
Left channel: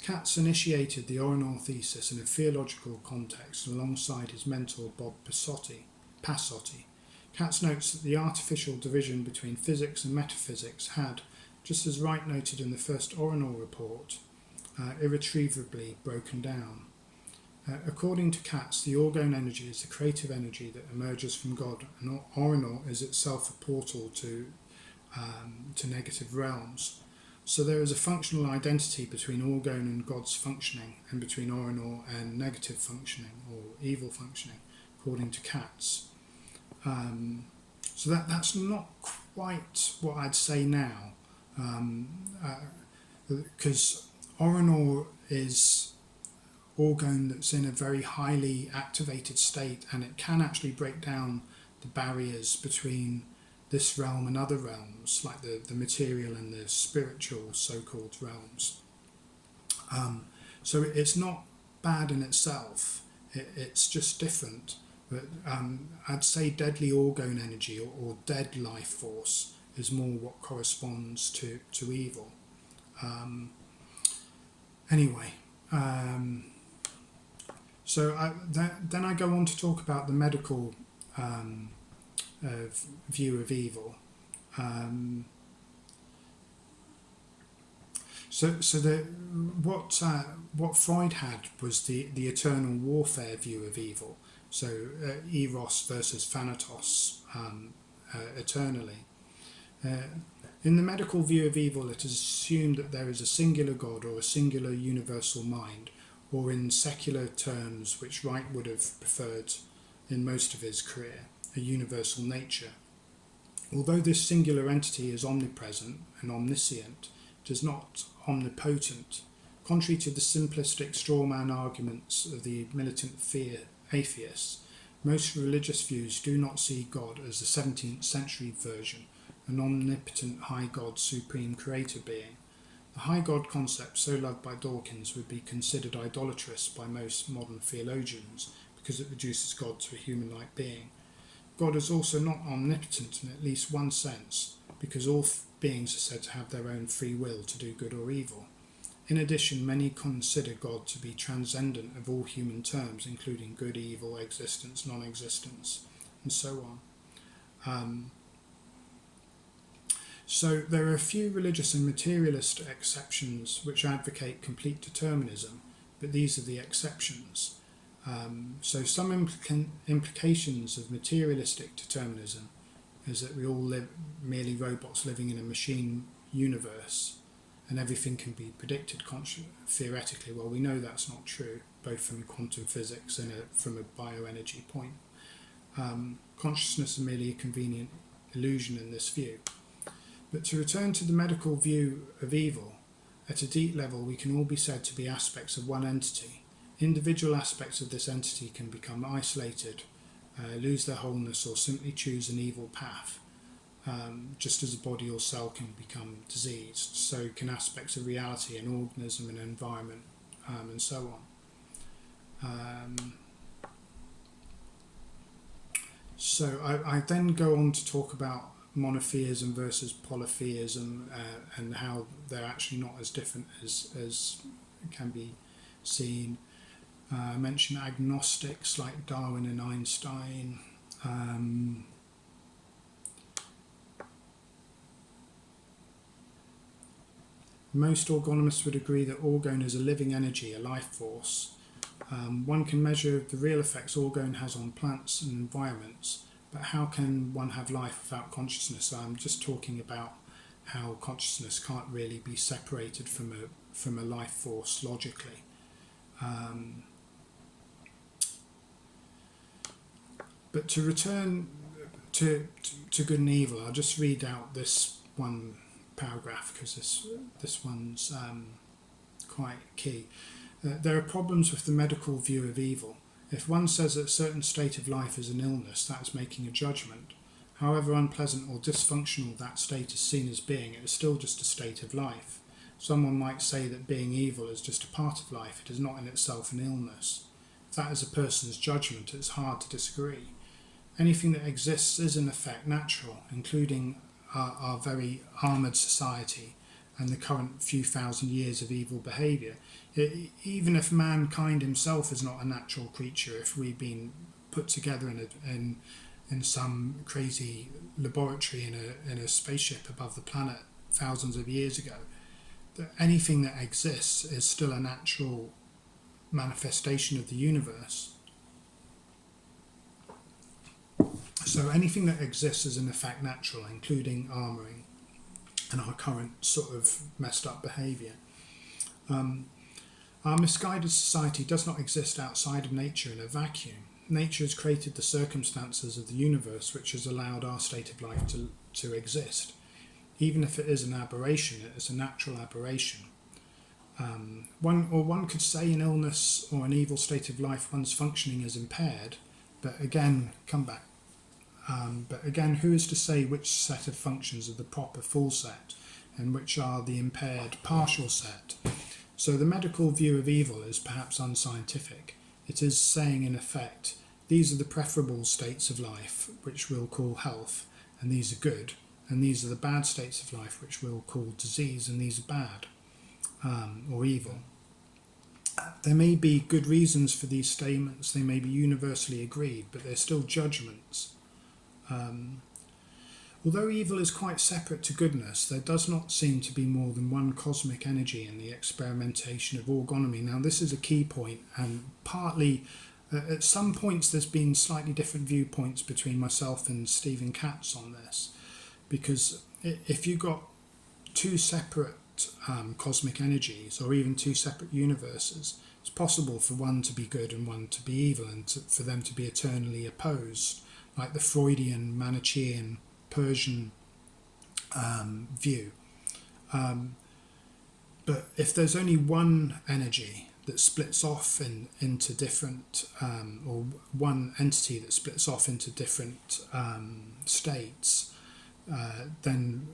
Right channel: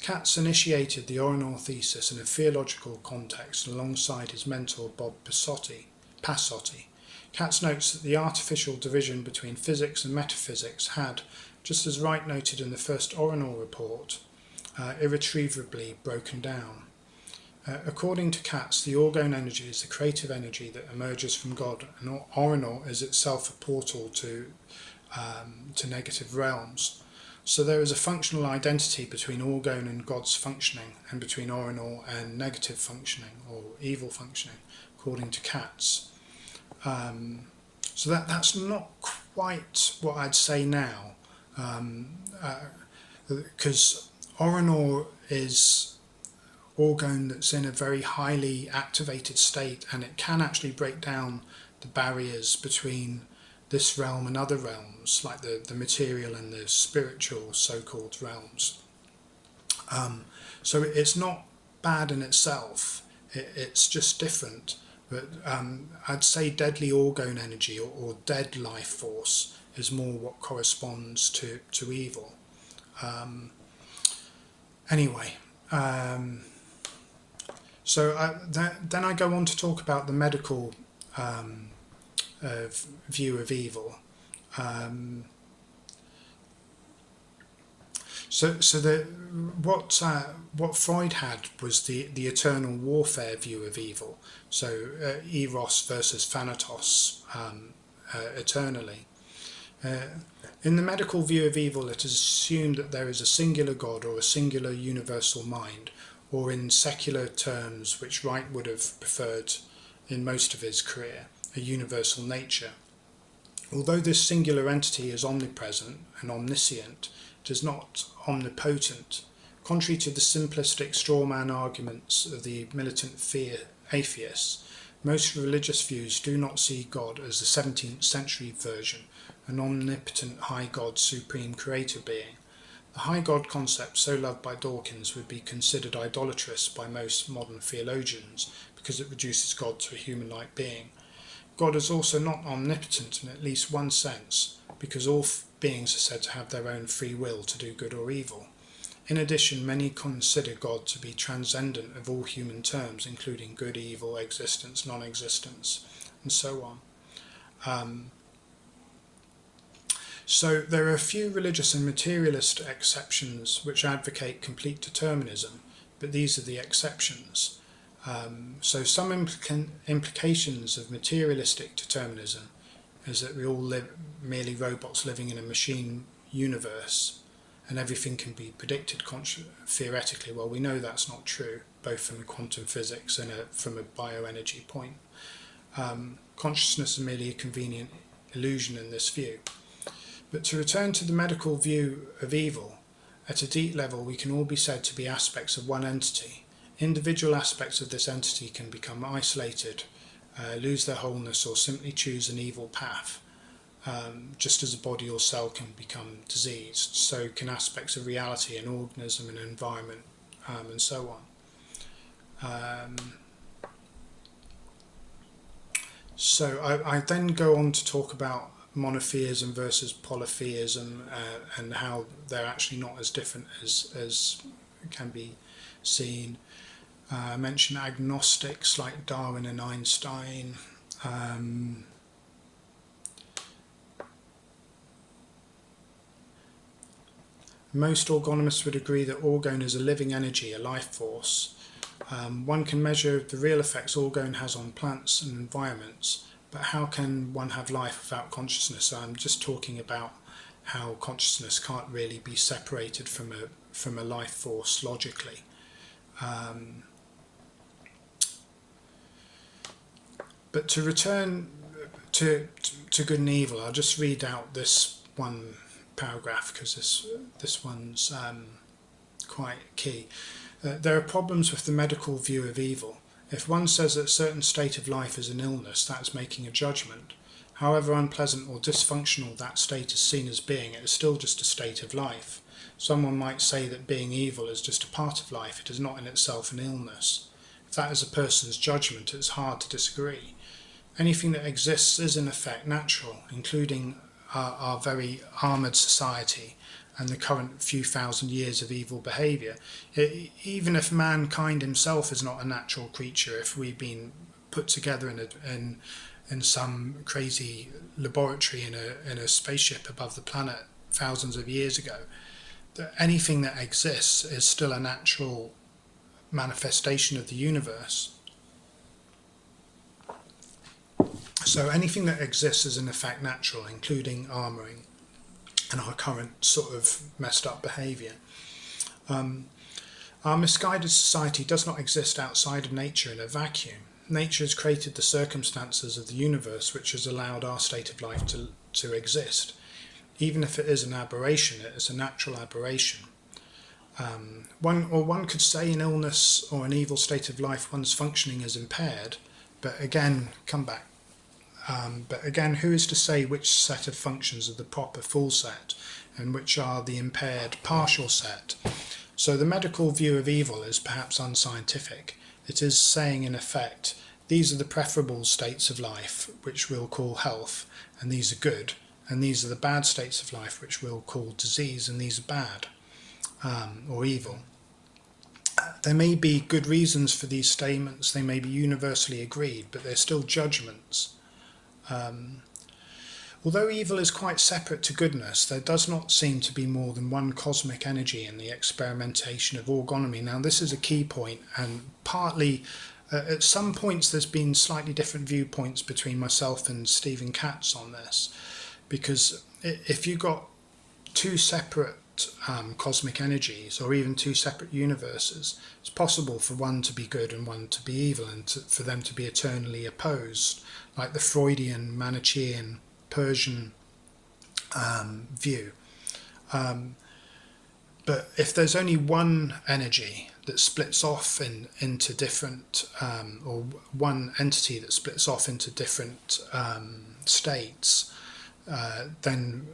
Katz initiated the Orinor thesis in a theological context alongside his mentor Bob Passotti. Katz notes that the artificial division between physics and metaphysics had, just as Wright noted in the first Orinor report, irretrievably broken down. According to Katz, the Orgone energy is the creative energy that emerges from God, and Orinor is itself a portal to negative realms. So there is a functional identity between Orgone and God's functioning, and between Orinor and negative functioning or evil functioning, according to Katz. So that's not quite what I'd say now, because Orinor is Orgone that's in a very highly activated state, and it can actually break down the barriers between this realm and other realms, like the material and the spiritual so-called realms. So it's not bad in itself, it's just different. But I'd say deadly Orgone energy or dead life force is more what corresponds to evil. So then I go on to talk about the medical view of evil. What Freud had was the eternal warfare view of evil. So eros versus thanatos, eternally. In the medical view of evil, it is assumed that there is a singular God or a singular universal mind, or in secular terms, which Wright would have preferred in most of his career, a universal nature. Although this singular entity is omnipresent and omniscient, it is not omnipotent. Contrary to the simplistic strawman arguments of the militant atheists, most religious views do not see God as the 17th century version, an omnipotent high God, supreme creator being. The high God concept, so loved by Dawkins, would be considered idolatrous by most modern theologians because it reduces God to a human-like being. God is also not omnipotent in at least one sense, because all beings are said to have their own free will to do good or evil. In addition, many consider God to be transcendent of all human terms, including good, evil, existence, non-existence, and so on. So there are a few religious and materialist exceptions which advocate complete determinism, but these are the exceptions. So some implications of materialistic determinism is that we all live merely robots living in a machine universe, and everything can be predicted theoretically. Well, we know that's not true, both from quantum physics and from a bioenergy point. Consciousness is merely a convenient illusion in this view. But to return to the medical view of evil, at a deep level we can all be said to be aspects of one entity. Individual aspects of this entity can become isolated, lose their wholeness, or simply choose an evil path. Just as a body or cell can become diseased, so can aspects of reality, an organism, an environment, and so on. So I then go on to talk about monotheism versus polytheism, and how they're actually not as different as can be seen. I mention agnostics like Darwin and Einstein. Most orgonomists would agree that Orgone is a living energy, a life force. One can measure the real effects Orgone has on plants and environments, but how can one have life without consciousness? So I'm just talking about how consciousness can't really be separated from a life force logically. But to return to good and evil, I'll just read out this one paragraph because this one's quite key. There are problems with the medical view of evil. If one says that a certain state of life is an illness, that's making a judgment. However unpleasant or dysfunctional that state is seen as being, it is still just a state of life. Someone might say that being evil is just a part of life. It is not in itself an illness. If that is a person's judgment, it's hard to disagree. Anything that exists is in effect natural, including our very armoured society and the current few thousand years of evil behaviour. Even if mankind himself is not a natural creature, if we've been put together in some crazy laboratory in a spaceship above the planet thousands of years ago, anything that exists is still a natural manifestation of the universe. So anything that exists is in effect natural, including armouring and our current sort of messed up behaviour. Our misguided society does not exist outside of nature in a vacuum. Nature has created the circumstances of the universe which has allowed our state of life to exist. Even if it is an aberration, it is a natural aberration. One could say in illness or an evil state of life one's functioning is impaired, but again, who is to say which set of functions are the proper full set and which are the impaired partial set? So the medical view of evil is perhaps unscientific. It is saying in effect, these are the preferable states of life, which we'll call health, and these are good, and these are the bad states of life, which we'll call disease, and these are bad, or evil. There may be good reasons for these statements, they may be universally agreed, but they're still judgments. Although evil is quite separate to goodness, there does not seem to be more than one cosmic energy in the experimentation of orgonomy. Now, this is a key point, and partly at some points there's been slightly different viewpoints between myself and Stephen Katz on this, because if you've got two separate cosmic energies or even two separate universes, it's possible for one to be good and one to be evil, and for them to be eternally opposed, like the Freudian, Manichaean, Persian view. But if there's only one energy that splits off into different, or one entity that splits off into different states, then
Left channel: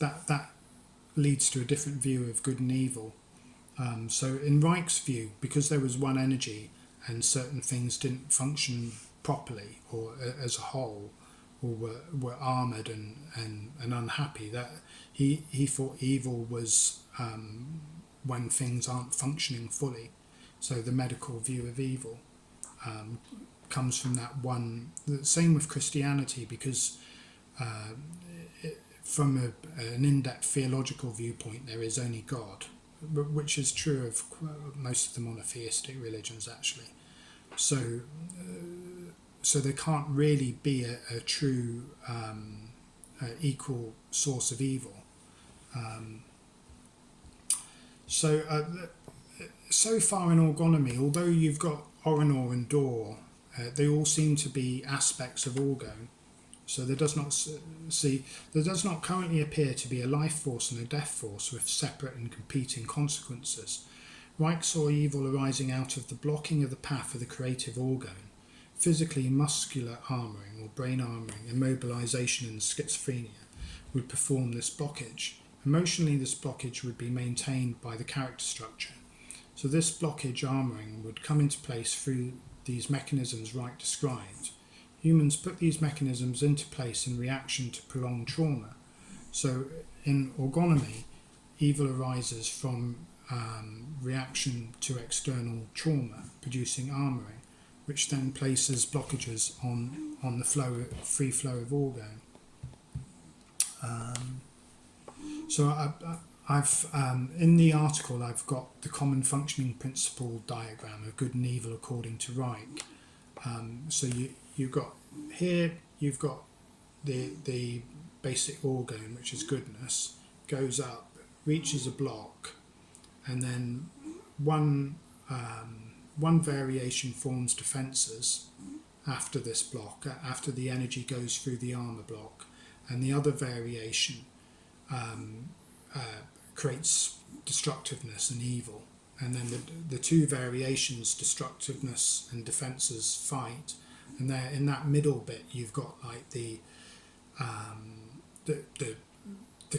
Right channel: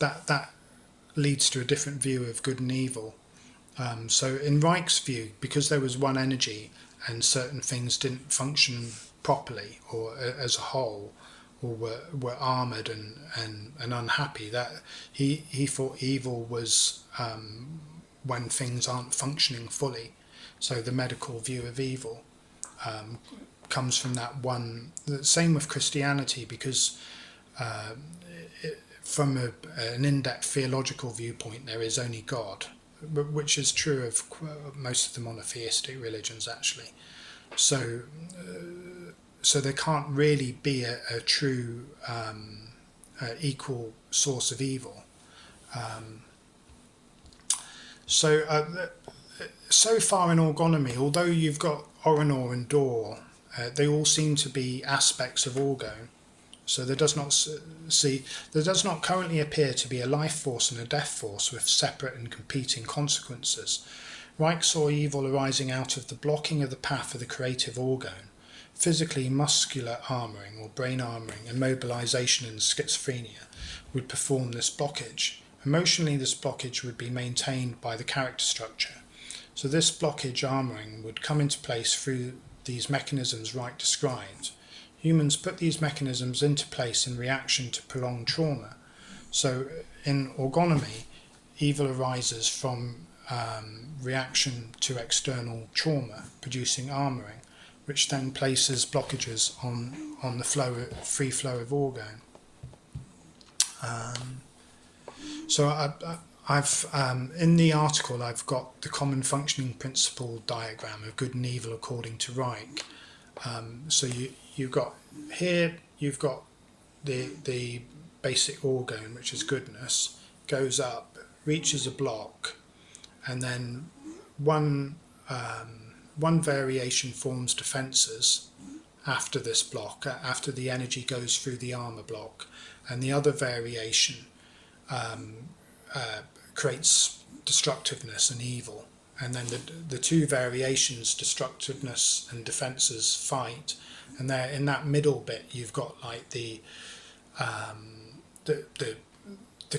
that leads to a different view of good and evil. So in Reich's view, because there was one energy and certain things didn't function properly or as a whole, or were armoured and unhappy, that he thought evil was when things aren't functioning fully. So the medical view of evil comes from that one. The same with Christianity, because from an in-depth theological viewpoint, there is only God, which is true of most of the monotheistic religions, actually. So there can't really be a true equal source of evil. So far in orgonomy, although you've got Oronor and Dor, they all seem to be aspects of Orgone. So there does not currently appear to be a life force and a death force with separate and competing consequences. Reich saw evil arising out of the blocking of the path of the creative Orgone. Physically, muscular armouring or brain armouring and mobilisation in schizophrenia would perform this blockage. Emotionally, this blockage would be maintained by the character structure. So this blockage armouring would come into place through these mechanisms Reich described. Humans put these mechanisms into place in reaction to prolonged trauma. So in orgonomy, evil arises from reaction to external trauma, producing armouring, which then places blockages on the free flow of Orgone. So I've in the article I've got the common functioning principle diagram of good and evil according to Reich. So you've got the basic Orgone, which is goodness, goes up, reaches a block, and then one variation forms defences, after this block, after the energy goes through the armor block, and the other variation creates destructiveness and evil. And then the two variations, destructiveness and defenses, fight, and there in that middle bit you've got like the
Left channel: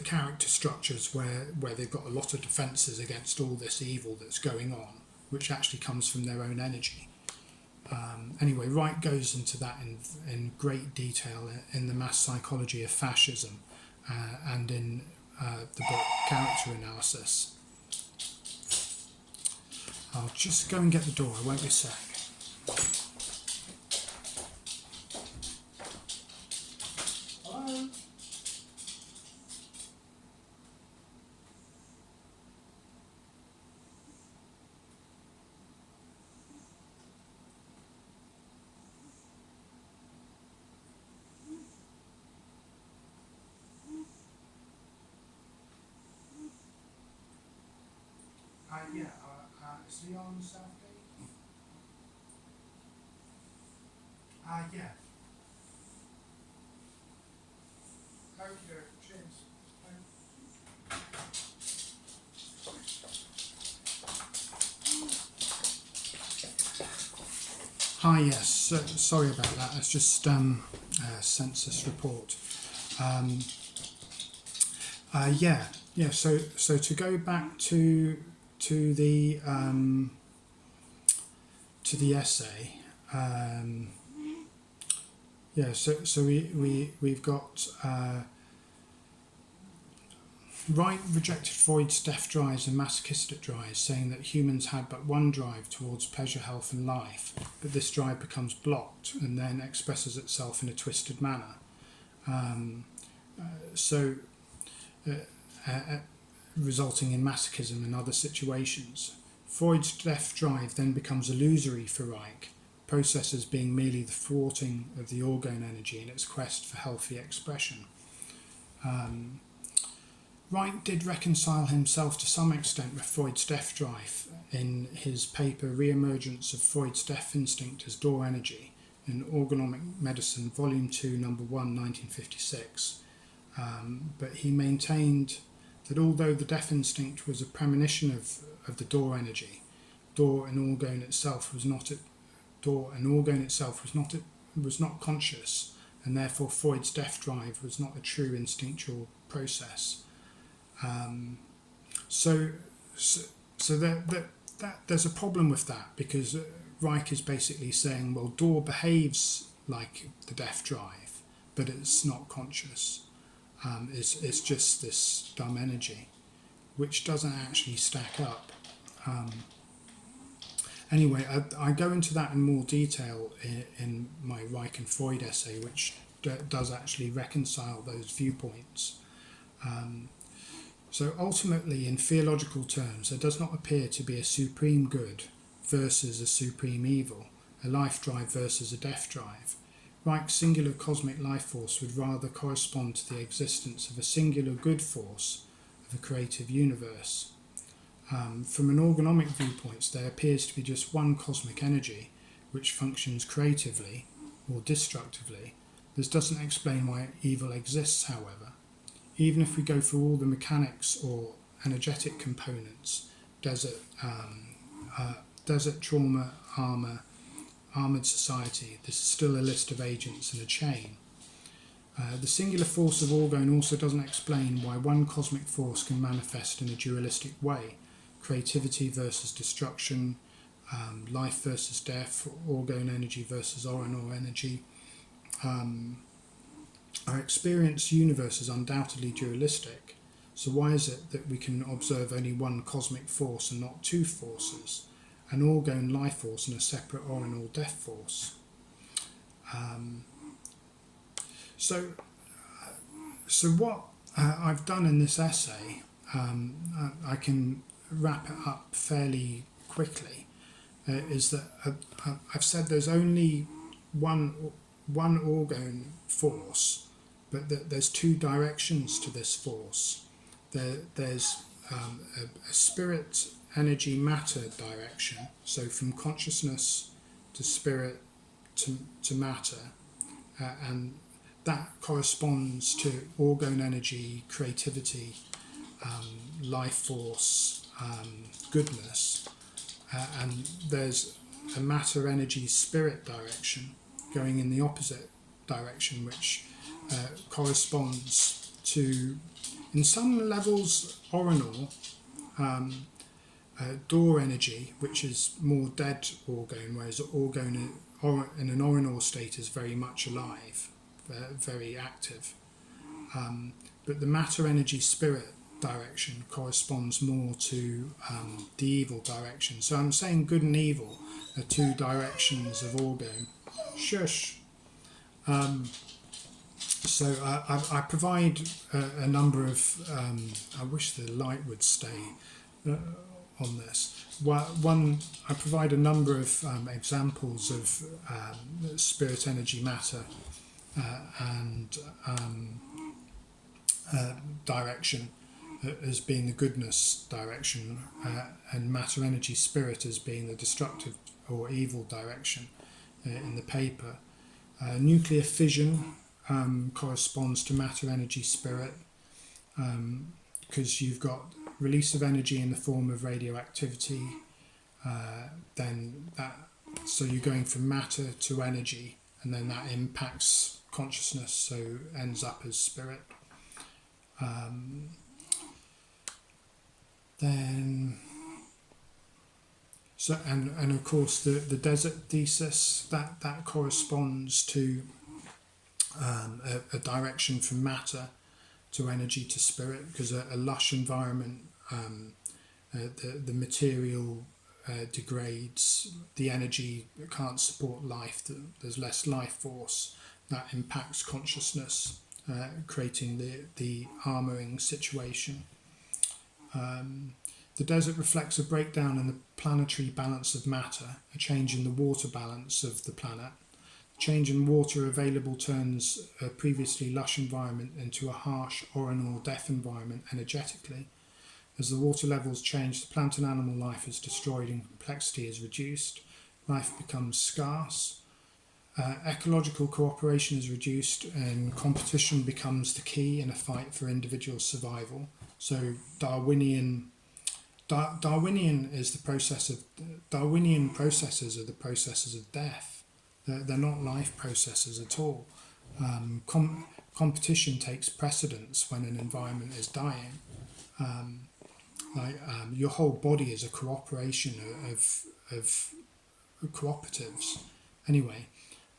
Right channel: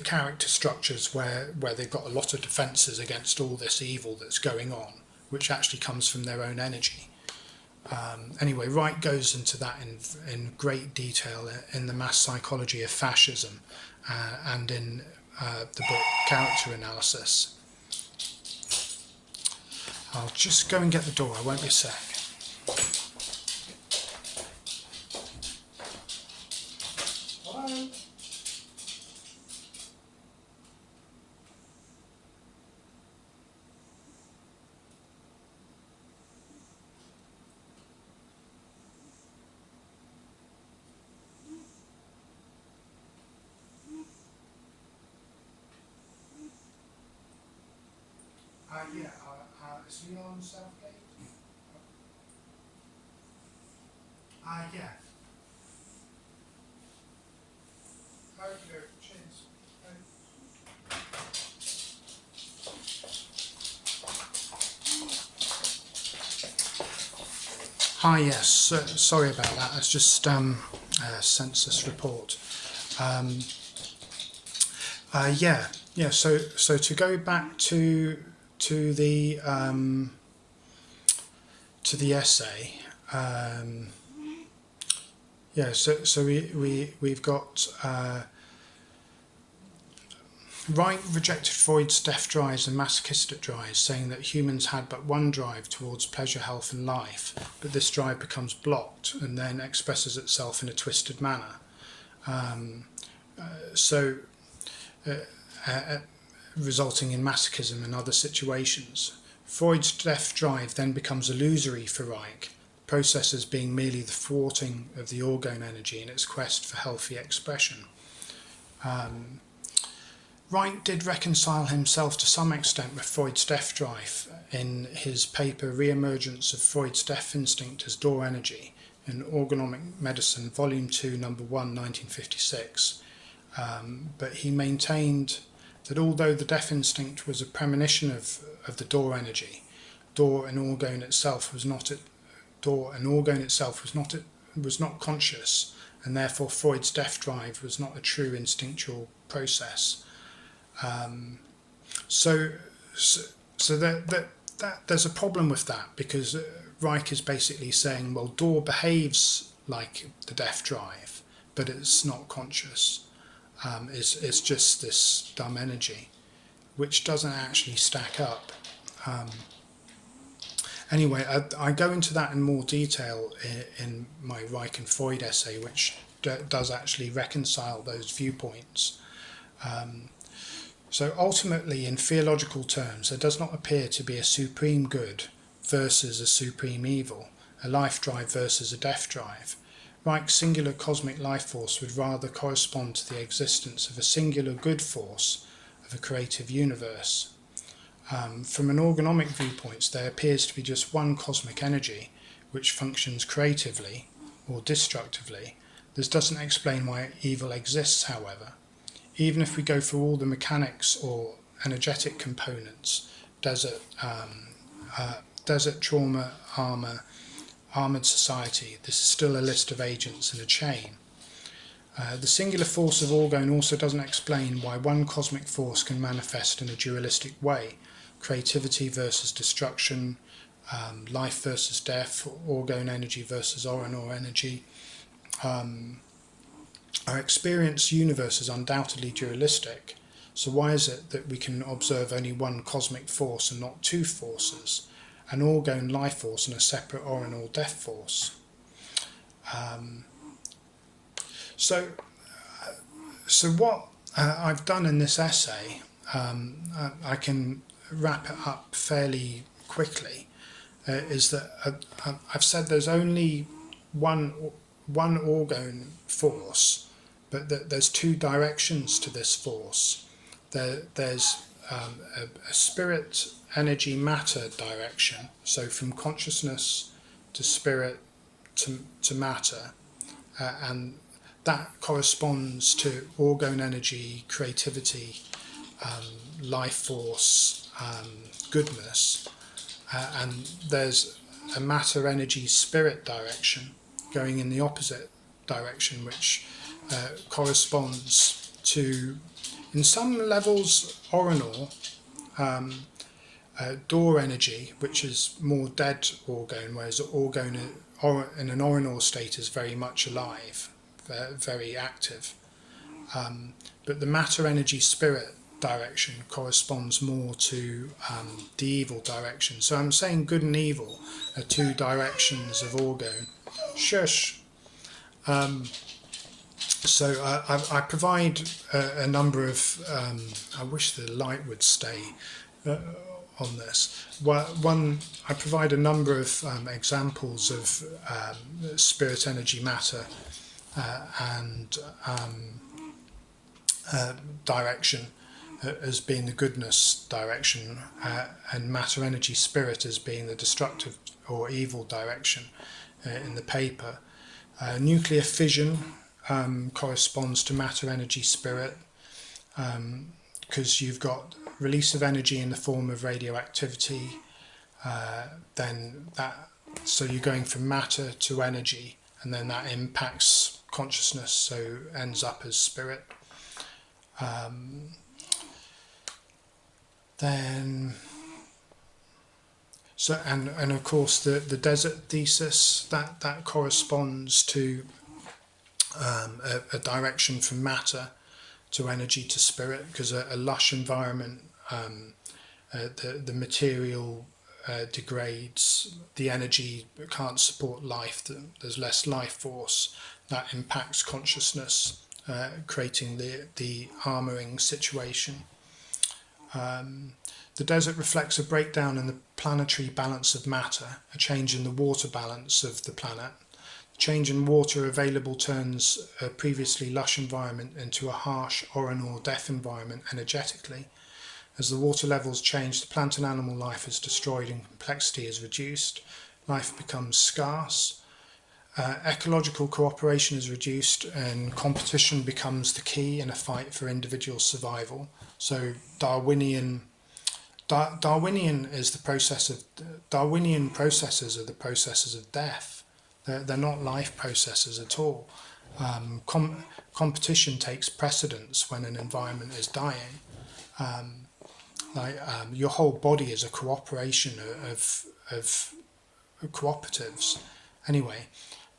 character structures where they've got a lot of defenses against all this evil that's going on, which actually comes from their own energy. Anyway, Reich goes into that in great detail in the mass psychology of fascism and in the book Character Analysis. I'll just go and get the door, I won't be a sec. Hello? Yeah, is he on Southgate? Yeah. Okay, cheers. Hi, yes, sorry about that, it's just a census report. So to go back to the essay, we've got Wright rejected Freud's death drives and masochistic drives, saying that humans had but one drive towards pleasure, health and life, but this drive becomes blocked and then expresses itself in a twisted manner. Resulting in masochism and other situations. Freud's death drive then becomes illusory for Reich, processes being merely the thwarting of the orgone energy in its quest for healthy expression. Reich did reconcile himself to some extent with Freud's death drive in his paper Re-emergence of Freud's Death Instinct as Door Energy in Orgonomic Medicine, Volume 2, Number 1, 1956. But he maintained that although the death instinct was a premonition of the door energy, door and orgone itself was not conscious, and therefore Freud's death drive was not a true instinctual process. So there's a problem with that, because Reich is basically saying, well, door behaves like the death drive, but it's not conscious. It's just this dumb energy, which doesn't actually stack up. Anyway, I go into that in more detail in my Reich and Freud essay, which does actually reconcile those viewpoints. So ultimately, in theological terms, there does not appear to be a supreme good versus a supreme evil, a life drive versus a death drive. Reich's singular cosmic life force would rather correspond to the existence of a singular good force of a creative universe. From an orgonomic viewpoint, there appears to be just one cosmic energy which functions creatively or destructively. This doesn't explain why evil exists, however. Even if we go through all the mechanics or energetic components, desert, trauma, armoured society, this is still a list of agents in a chain. The singular force of orgone also doesn't explain why one cosmic force can manifest in a dualistic way, creativity versus destruction, life versus death, orgone energy versus oranor energy. Our experienced universe is undoubtedly dualistic, so why is it that we can observe only one cosmic force and not two forces, an orgone life force and a separate oranor death force? So what I've done in this essay, I can wrap it up fairly quickly, is that I've said there's only one orgone force, but that there's two directions to this force. There's a spirit, energy, matter direction, so from consciousness to spirit to matter, and that corresponds to orgone energy, creativity, life force, goodness, and there's a matter, energy, spirit direction going in the opposite direction, which corresponds to, in some levels, Orgone, door energy, which is more dead orgone, whereas orgone in an Orgone state is very much alive, very active. But the matter, energy, spirit direction corresponds more to the evil direction. So I'm saying good and evil are two directions of orgone. Shush. So I provide a number of, I wish the light would stay on this. One, I provide a number of examples of spirit, energy, matter, and direction as being the goodness direction, and matter, energy, spirit as being the destructive or evil direction in the paper. Nuclear fission corresponds to matter, energy, spirit, because you've got release of energy in the form of radioactivity. Then that, so you're going from matter to energy, and then that impacts consciousness, so ends up as spirit. Then, so and of course the desert thesis that corresponds to a direction from matter to energy to spirit, because a lush environment, the material degrades, the energy can't support life, there's less life force, that impacts consciousness, creating the armouring situation. The desert reflects a breakdown in the planetary balance of matter, a change in the water balance of the planet. Change in water available turns a previously lush environment into a harsh Orgone or death environment energetically. As the water levels change, the plant and animal life is destroyed and complexity is reduced. Life becomes scarce. Ecological cooperation is reduced and competition becomes the key in a fight for individual survival. So Darwinian is the process of Darwinian processes are the processes of death. They're not life processes at all. Competition takes precedence when an environment is dying. Your whole body is a cooperation of cooperatives. Anyway,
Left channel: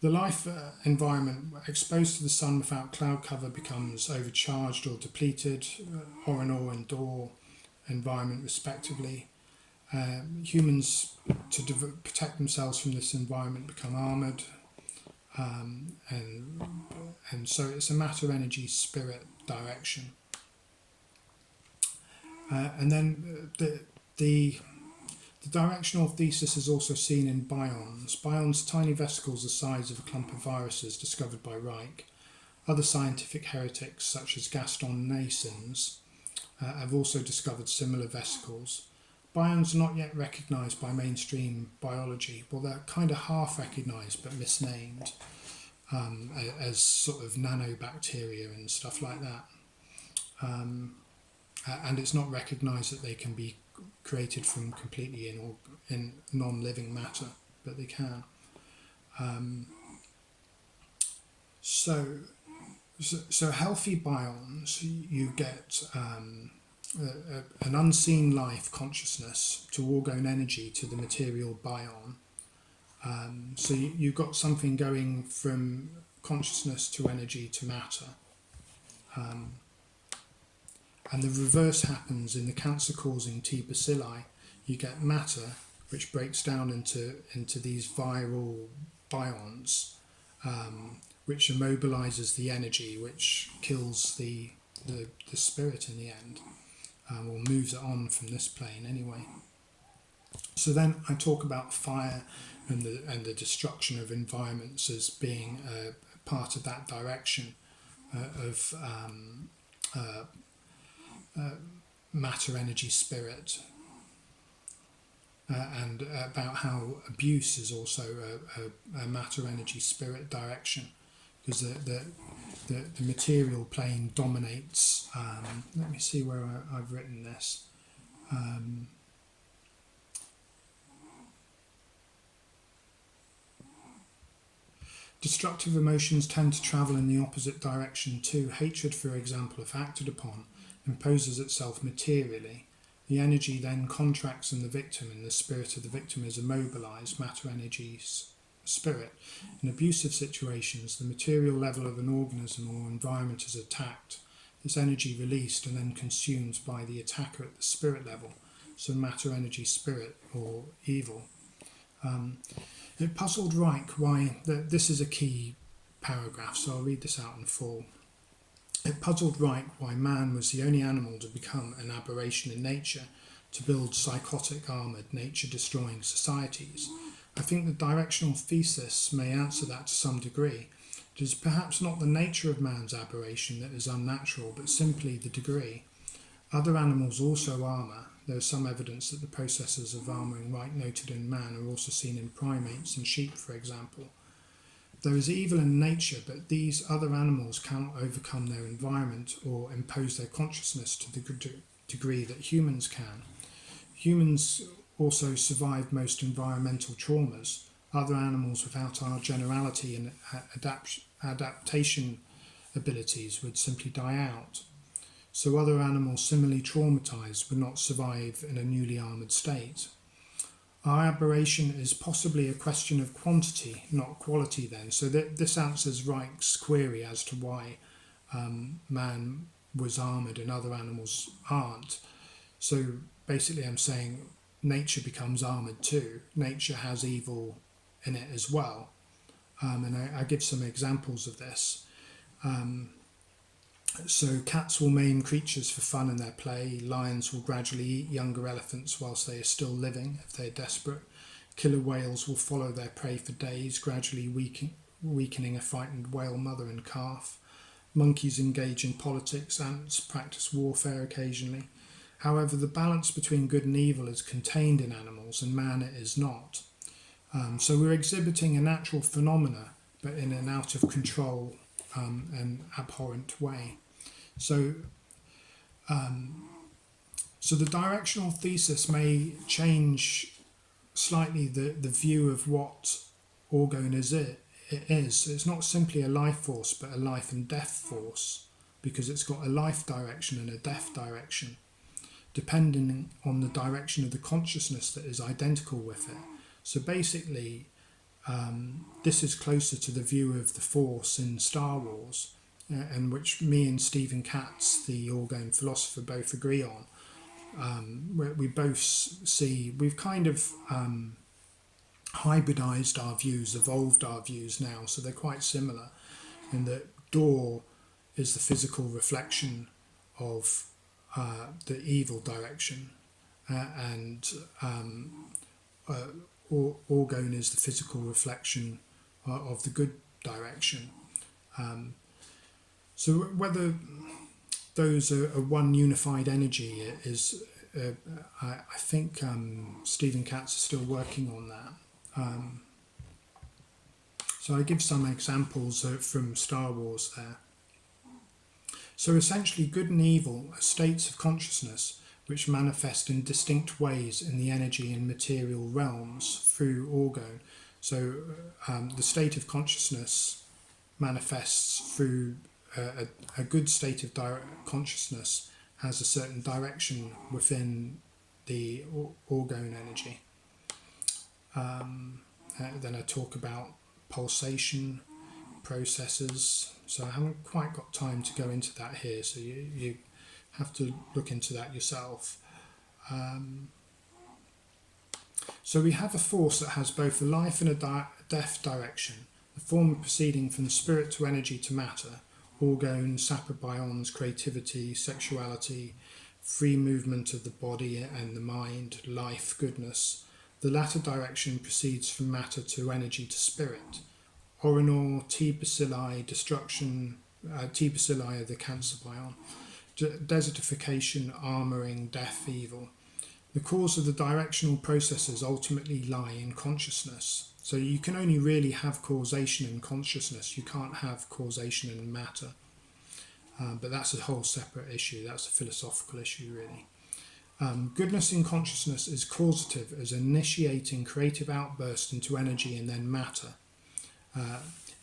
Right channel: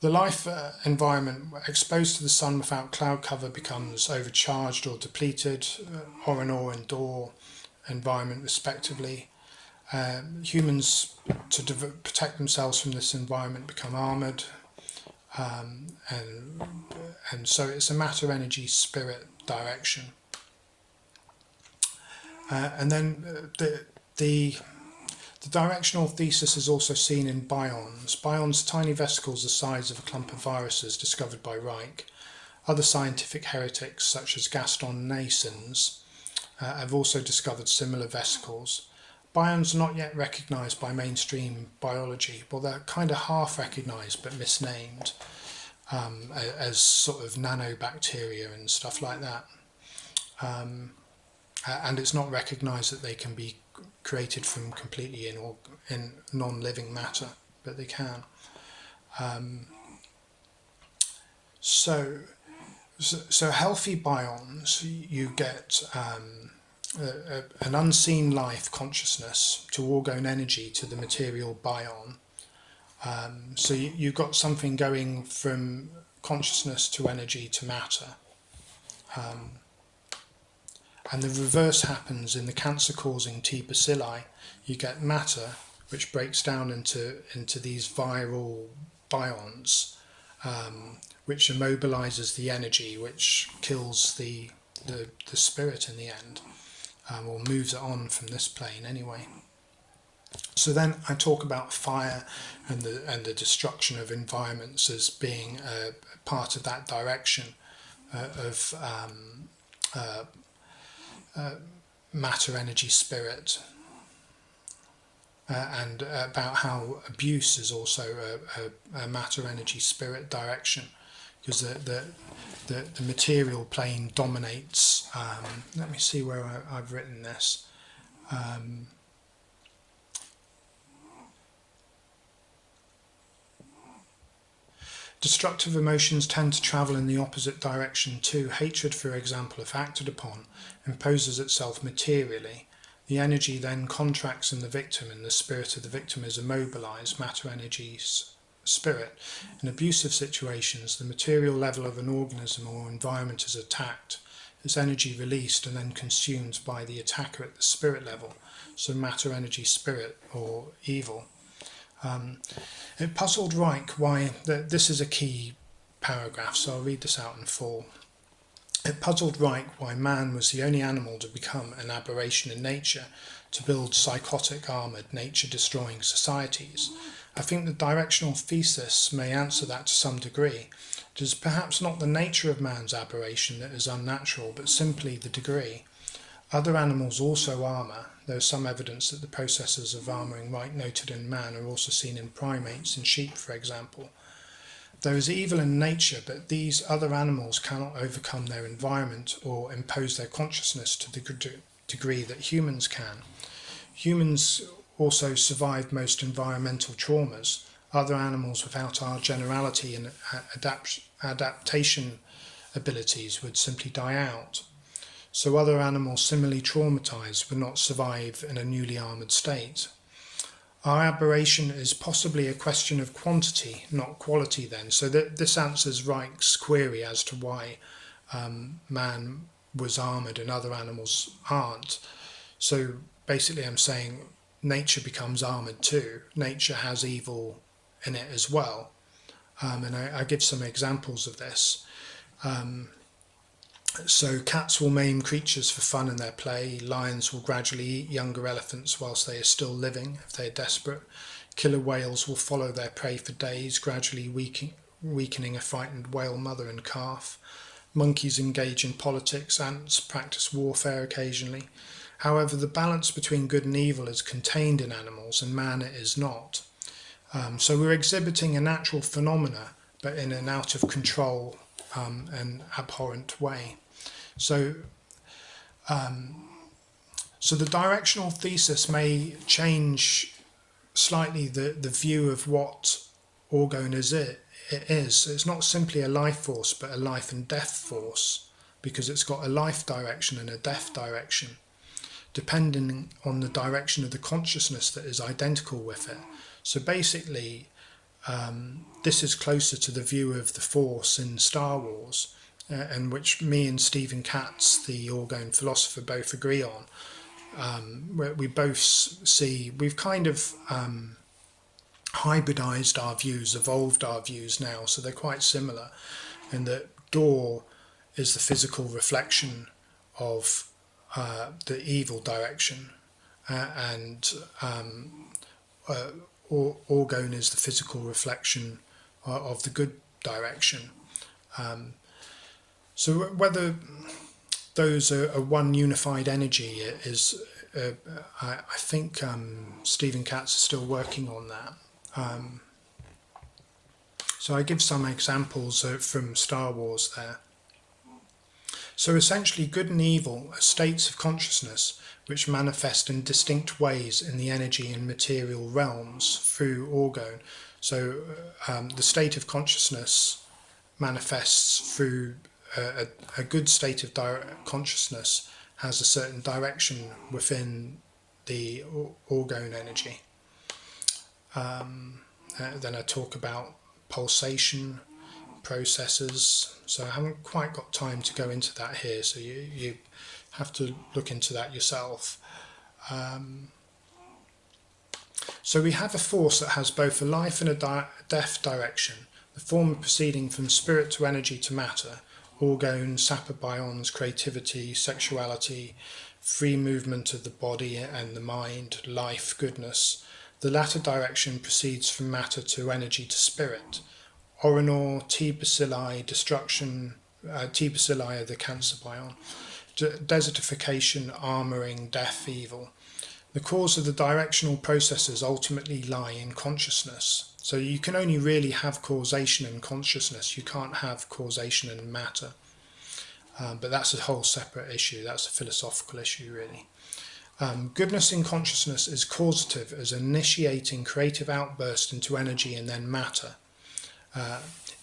the life environment exposed to the sun without cloud cover becomes overcharged or depleted, Orgone and door environment respectively. Humans, to protect themselves from this environment, become armoured, and so it's a matter, energy, spirit direction. And then the directional thesis is also seen in bions. Bions, tiny vesicles the size of a clump of viruses discovered by Reich. Other scientific heretics, such as Gaston Naessens, have also discovered similar vesicles. Bions are not yet recognised by mainstream biology. Well, they're kind of half recognised but misnamed as sort of nanobacteria and stuff like that. And it's not recognised that they can be created from completely in non-living matter, but they can. So healthy bions, you get an unseen life consciousness to Orgone energy to the material bion. So you've got something going from consciousness to energy to matter. And the reverse happens in the cancer-causing T bacilli. You get matter, which breaks down into these viral bions, which immobilizes the energy, which kills the spirit in the end, or moves it on from this plane anyway. So then I talk about fire and the destruction of environments as being a part of that direction of matter, energy, spirit. and about how abuse is also a matter, energy, spirit direction, because the material plane dominates. Let me see where I've written this. Destructive emotions tend to travel in the opposite direction too. Hatred, for example, if acted upon, imposes itself materially. The energy then contracts in the victim, and the spirit of the victim is immobilized, matter, energy, spirit. In abusive situations, the material level of an organism or environment is attacked, its energy released and then consumed by the attacker at the spirit level, so matter, energy, spirit, or evil. It puzzled Reich why, this is a key paragraph, so I'll read this out in full. It puzzled Reich why man was the only animal to become an aberration in nature, to build psychotic, armoured, nature-destroying societies. I think the directional thesis may answer that to some degree. It is perhaps not the nature of man's aberration that is unnatural, but simply the degree. Other animals also armour. There is some evidence that the processes of armouring Reich noted in man are also seen in primates, in sheep, for example. There is evil in nature, but these other animals cannot overcome their environment or impose their consciousness to the degree that humans can. Humans also survive most environmental traumas. Other animals without our generality and adaptation abilities would simply die out. So other animals similarly traumatized would not survive in a newly armoured state. Our aberration is possibly a question of quantity, not quality then. So this answers Reich's query as to why man was armoured and other animals aren't. So basically I'm saying nature becomes armoured too. Nature has evil in it as well. And I give some examples of this. So cats will maim creatures for fun in their play. Lions will gradually eat younger elephants whilst they are still living, if they are desperate. Killer whales will follow their prey for days, gradually weakening a frightened whale mother and calf. Monkeys engage in politics. Ants practice warfare occasionally. However, the balance between good and evil is contained in animals, and man it is not. So we're exhibiting a natural phenomena, but in an out of control and abhorrent way. So the directional thesis may change slightly the view of what Orgone is. It is. It's not simply a life force, but a life and death force, because it's got a life direction and a death direction, depending on the direction of the consciousness that is identical with it. So basically, this is closer to the view of the Force in Star Wars, and which me and Stephen Katz, the Orgone philosopher, both agree on. We both see, we've kind of hybridized our views, evolved our views now, so they're quite similar, in that Door is the physical reflection of the evil direction, and Orgone is the physical reflection of the good direction. So whether those are one unified energy is, I think Stephen Katz is still working on that. So I give some examples from Star Wars there. So essentially, good and evil are states of consciousness which manifest in distinct ways in the energy and material realms through Orgone. So the state of consciousness manifests through a good state of consciousness has a certain direction within the Orgone energy. Then I talk about pulsation processes. So I haven't quite got time to go into that here, so you have to look into that yourself. So we have a force that has both a life and a death direction, the former proceeding from spirit to energy to matter, Orgone, sapobions, creativity, sexuality, free movement of the body and the mind, life, goodness. The latter direction proceeds from matter to energy to spirit. Orinor, T. bacilli, destruction, T. bacilli are the cancer bion, desertification, armouring, death, evil. The cause of the directional processes ultimately lie in consciousness. So you can only really have causation in consciousness. You can't have causation in matter. But that's a whole separate issue. That's a philosophical issue, really. Goodness in consciousness is causative as initiating creative outburst into energy and then matter.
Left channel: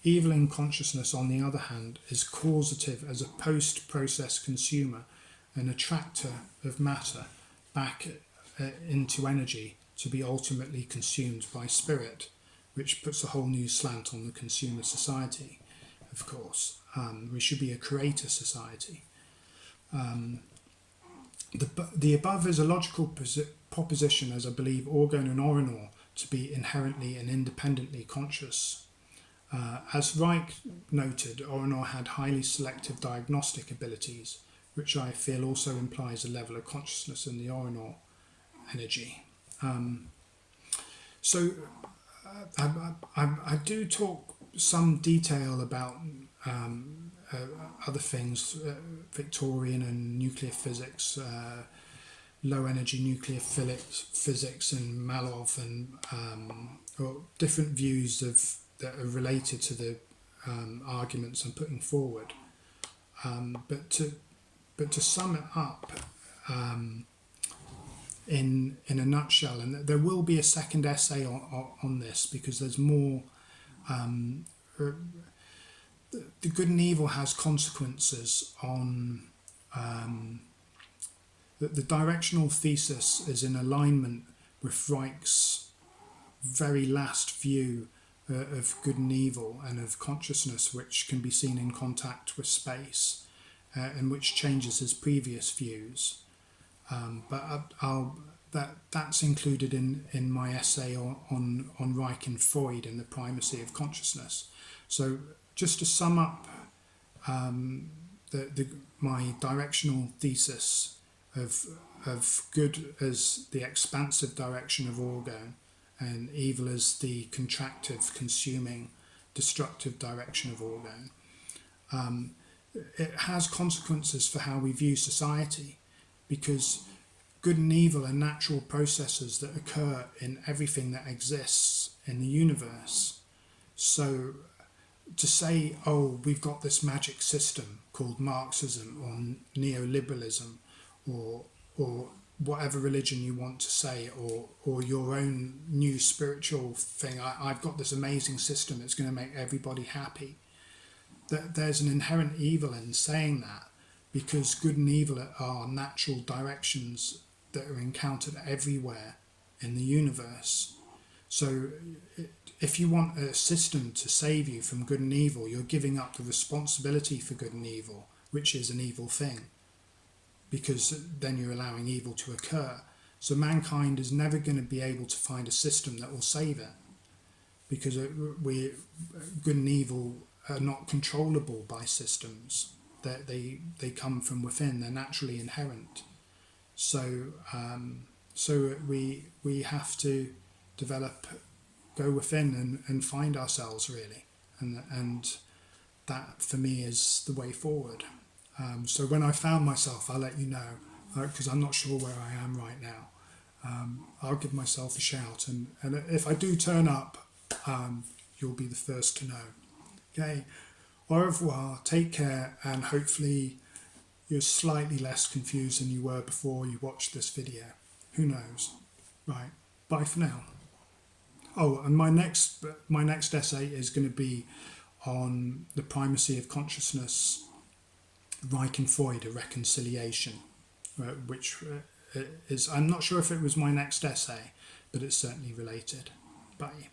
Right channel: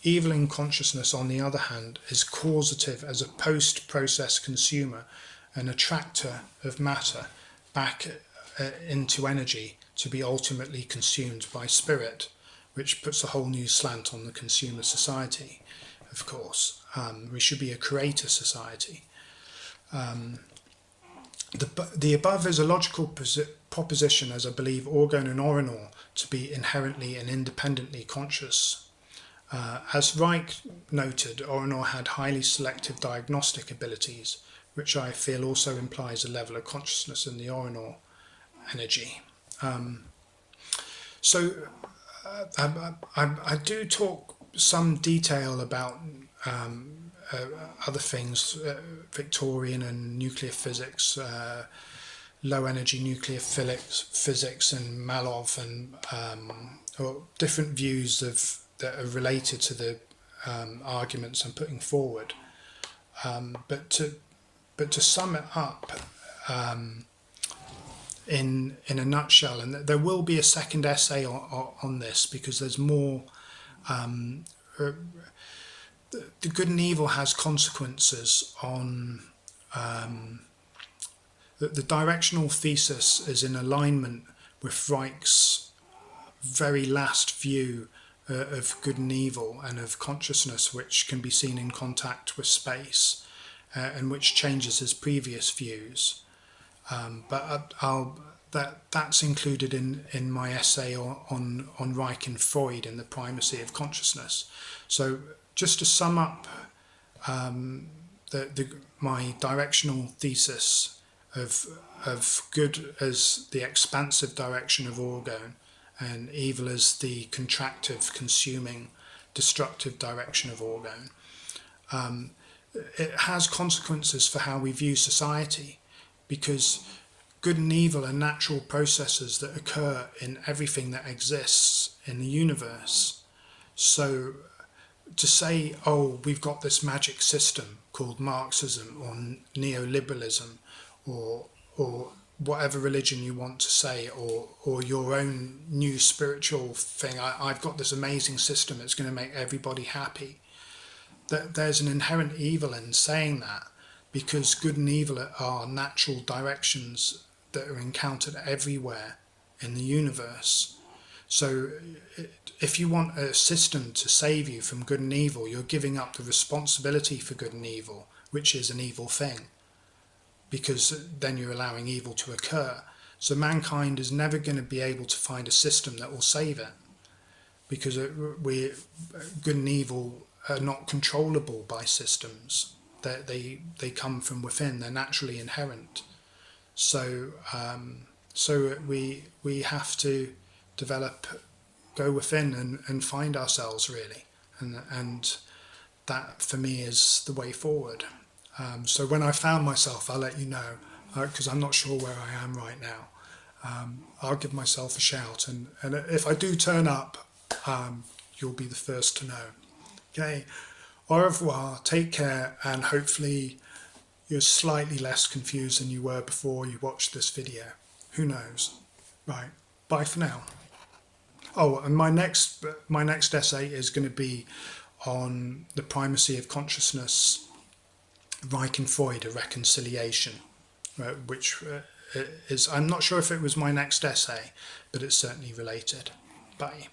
Evil in consciousness, on the other hand, is causative as a post-process consumer, an attractor of matter back into energy to be ultimately consumed by spirit, which puts a whole new slant on the consumer society, of course. We should be a creator society. The above is a logical proposition, as I believe Orgone and Orinor to be inherently and independently conscious. As Reich noted, Orinor had highly selective diagnostic abilities, which I feel also implies a level of consciousness in the Orinor energy. I do talk some detail about other things, Victorian and nuclear physics, low energy nuclear physics and Malov, and or different views that are related to the arguments I'm putting forward. But to sum it up in a nutshell, and there will be a second essay on this because there's more. The good and evil has consequences on the directional thesis is in alignment with Reich's very last view of good and evil and of consciousness, which can be seen in contact with space, and which changes his previous views. But that's included in my essay on Reich and Freud and the primacy of consciousness. So just to sum up my directional thesis of good as the expansive direction of Orgone and evil as the contractive, consuming, destructive direction of Orgone, it has consequences for how we view society, because good and evil are natural processes that occur in everything that exists in the universe. So to say, oh, we've got this magic system called Marxism or neoliberalism or whatever religion you want to say, or your own new spiritual thing, I've got this amazing system that's going to make everybody happy. There's an inherent evil in saying that, because good and evil are natural directions that are encountered everywhere in the universe. So if you want a system to save you from good and evil, you're giving up the responsibility for good and evil, which is an evil thing, because then you're allowing evil to occur. So mankind is never going to be able to find a system that will save it, because good and evil are not controllable by systems. They come from within. They're naturally inherent. So we have to go within and find ourselves, really, and that for me is the way forward. So when I found myself, I'll let you know, because I'm not sure where I am right now. I'll give myself a shout, and if I do turn up, you'll be the first to know. Okay, au revoir, take care, and hopefully you're slightly less confused than you were before you watched this video. Who knows? Right, bye for now. Oh, and my next essay is going to be on the primacy of consciousness, Reich and Freud, a reconciliation, which is, I'm not sure if it was my next essay, but it's certainly related. Bye.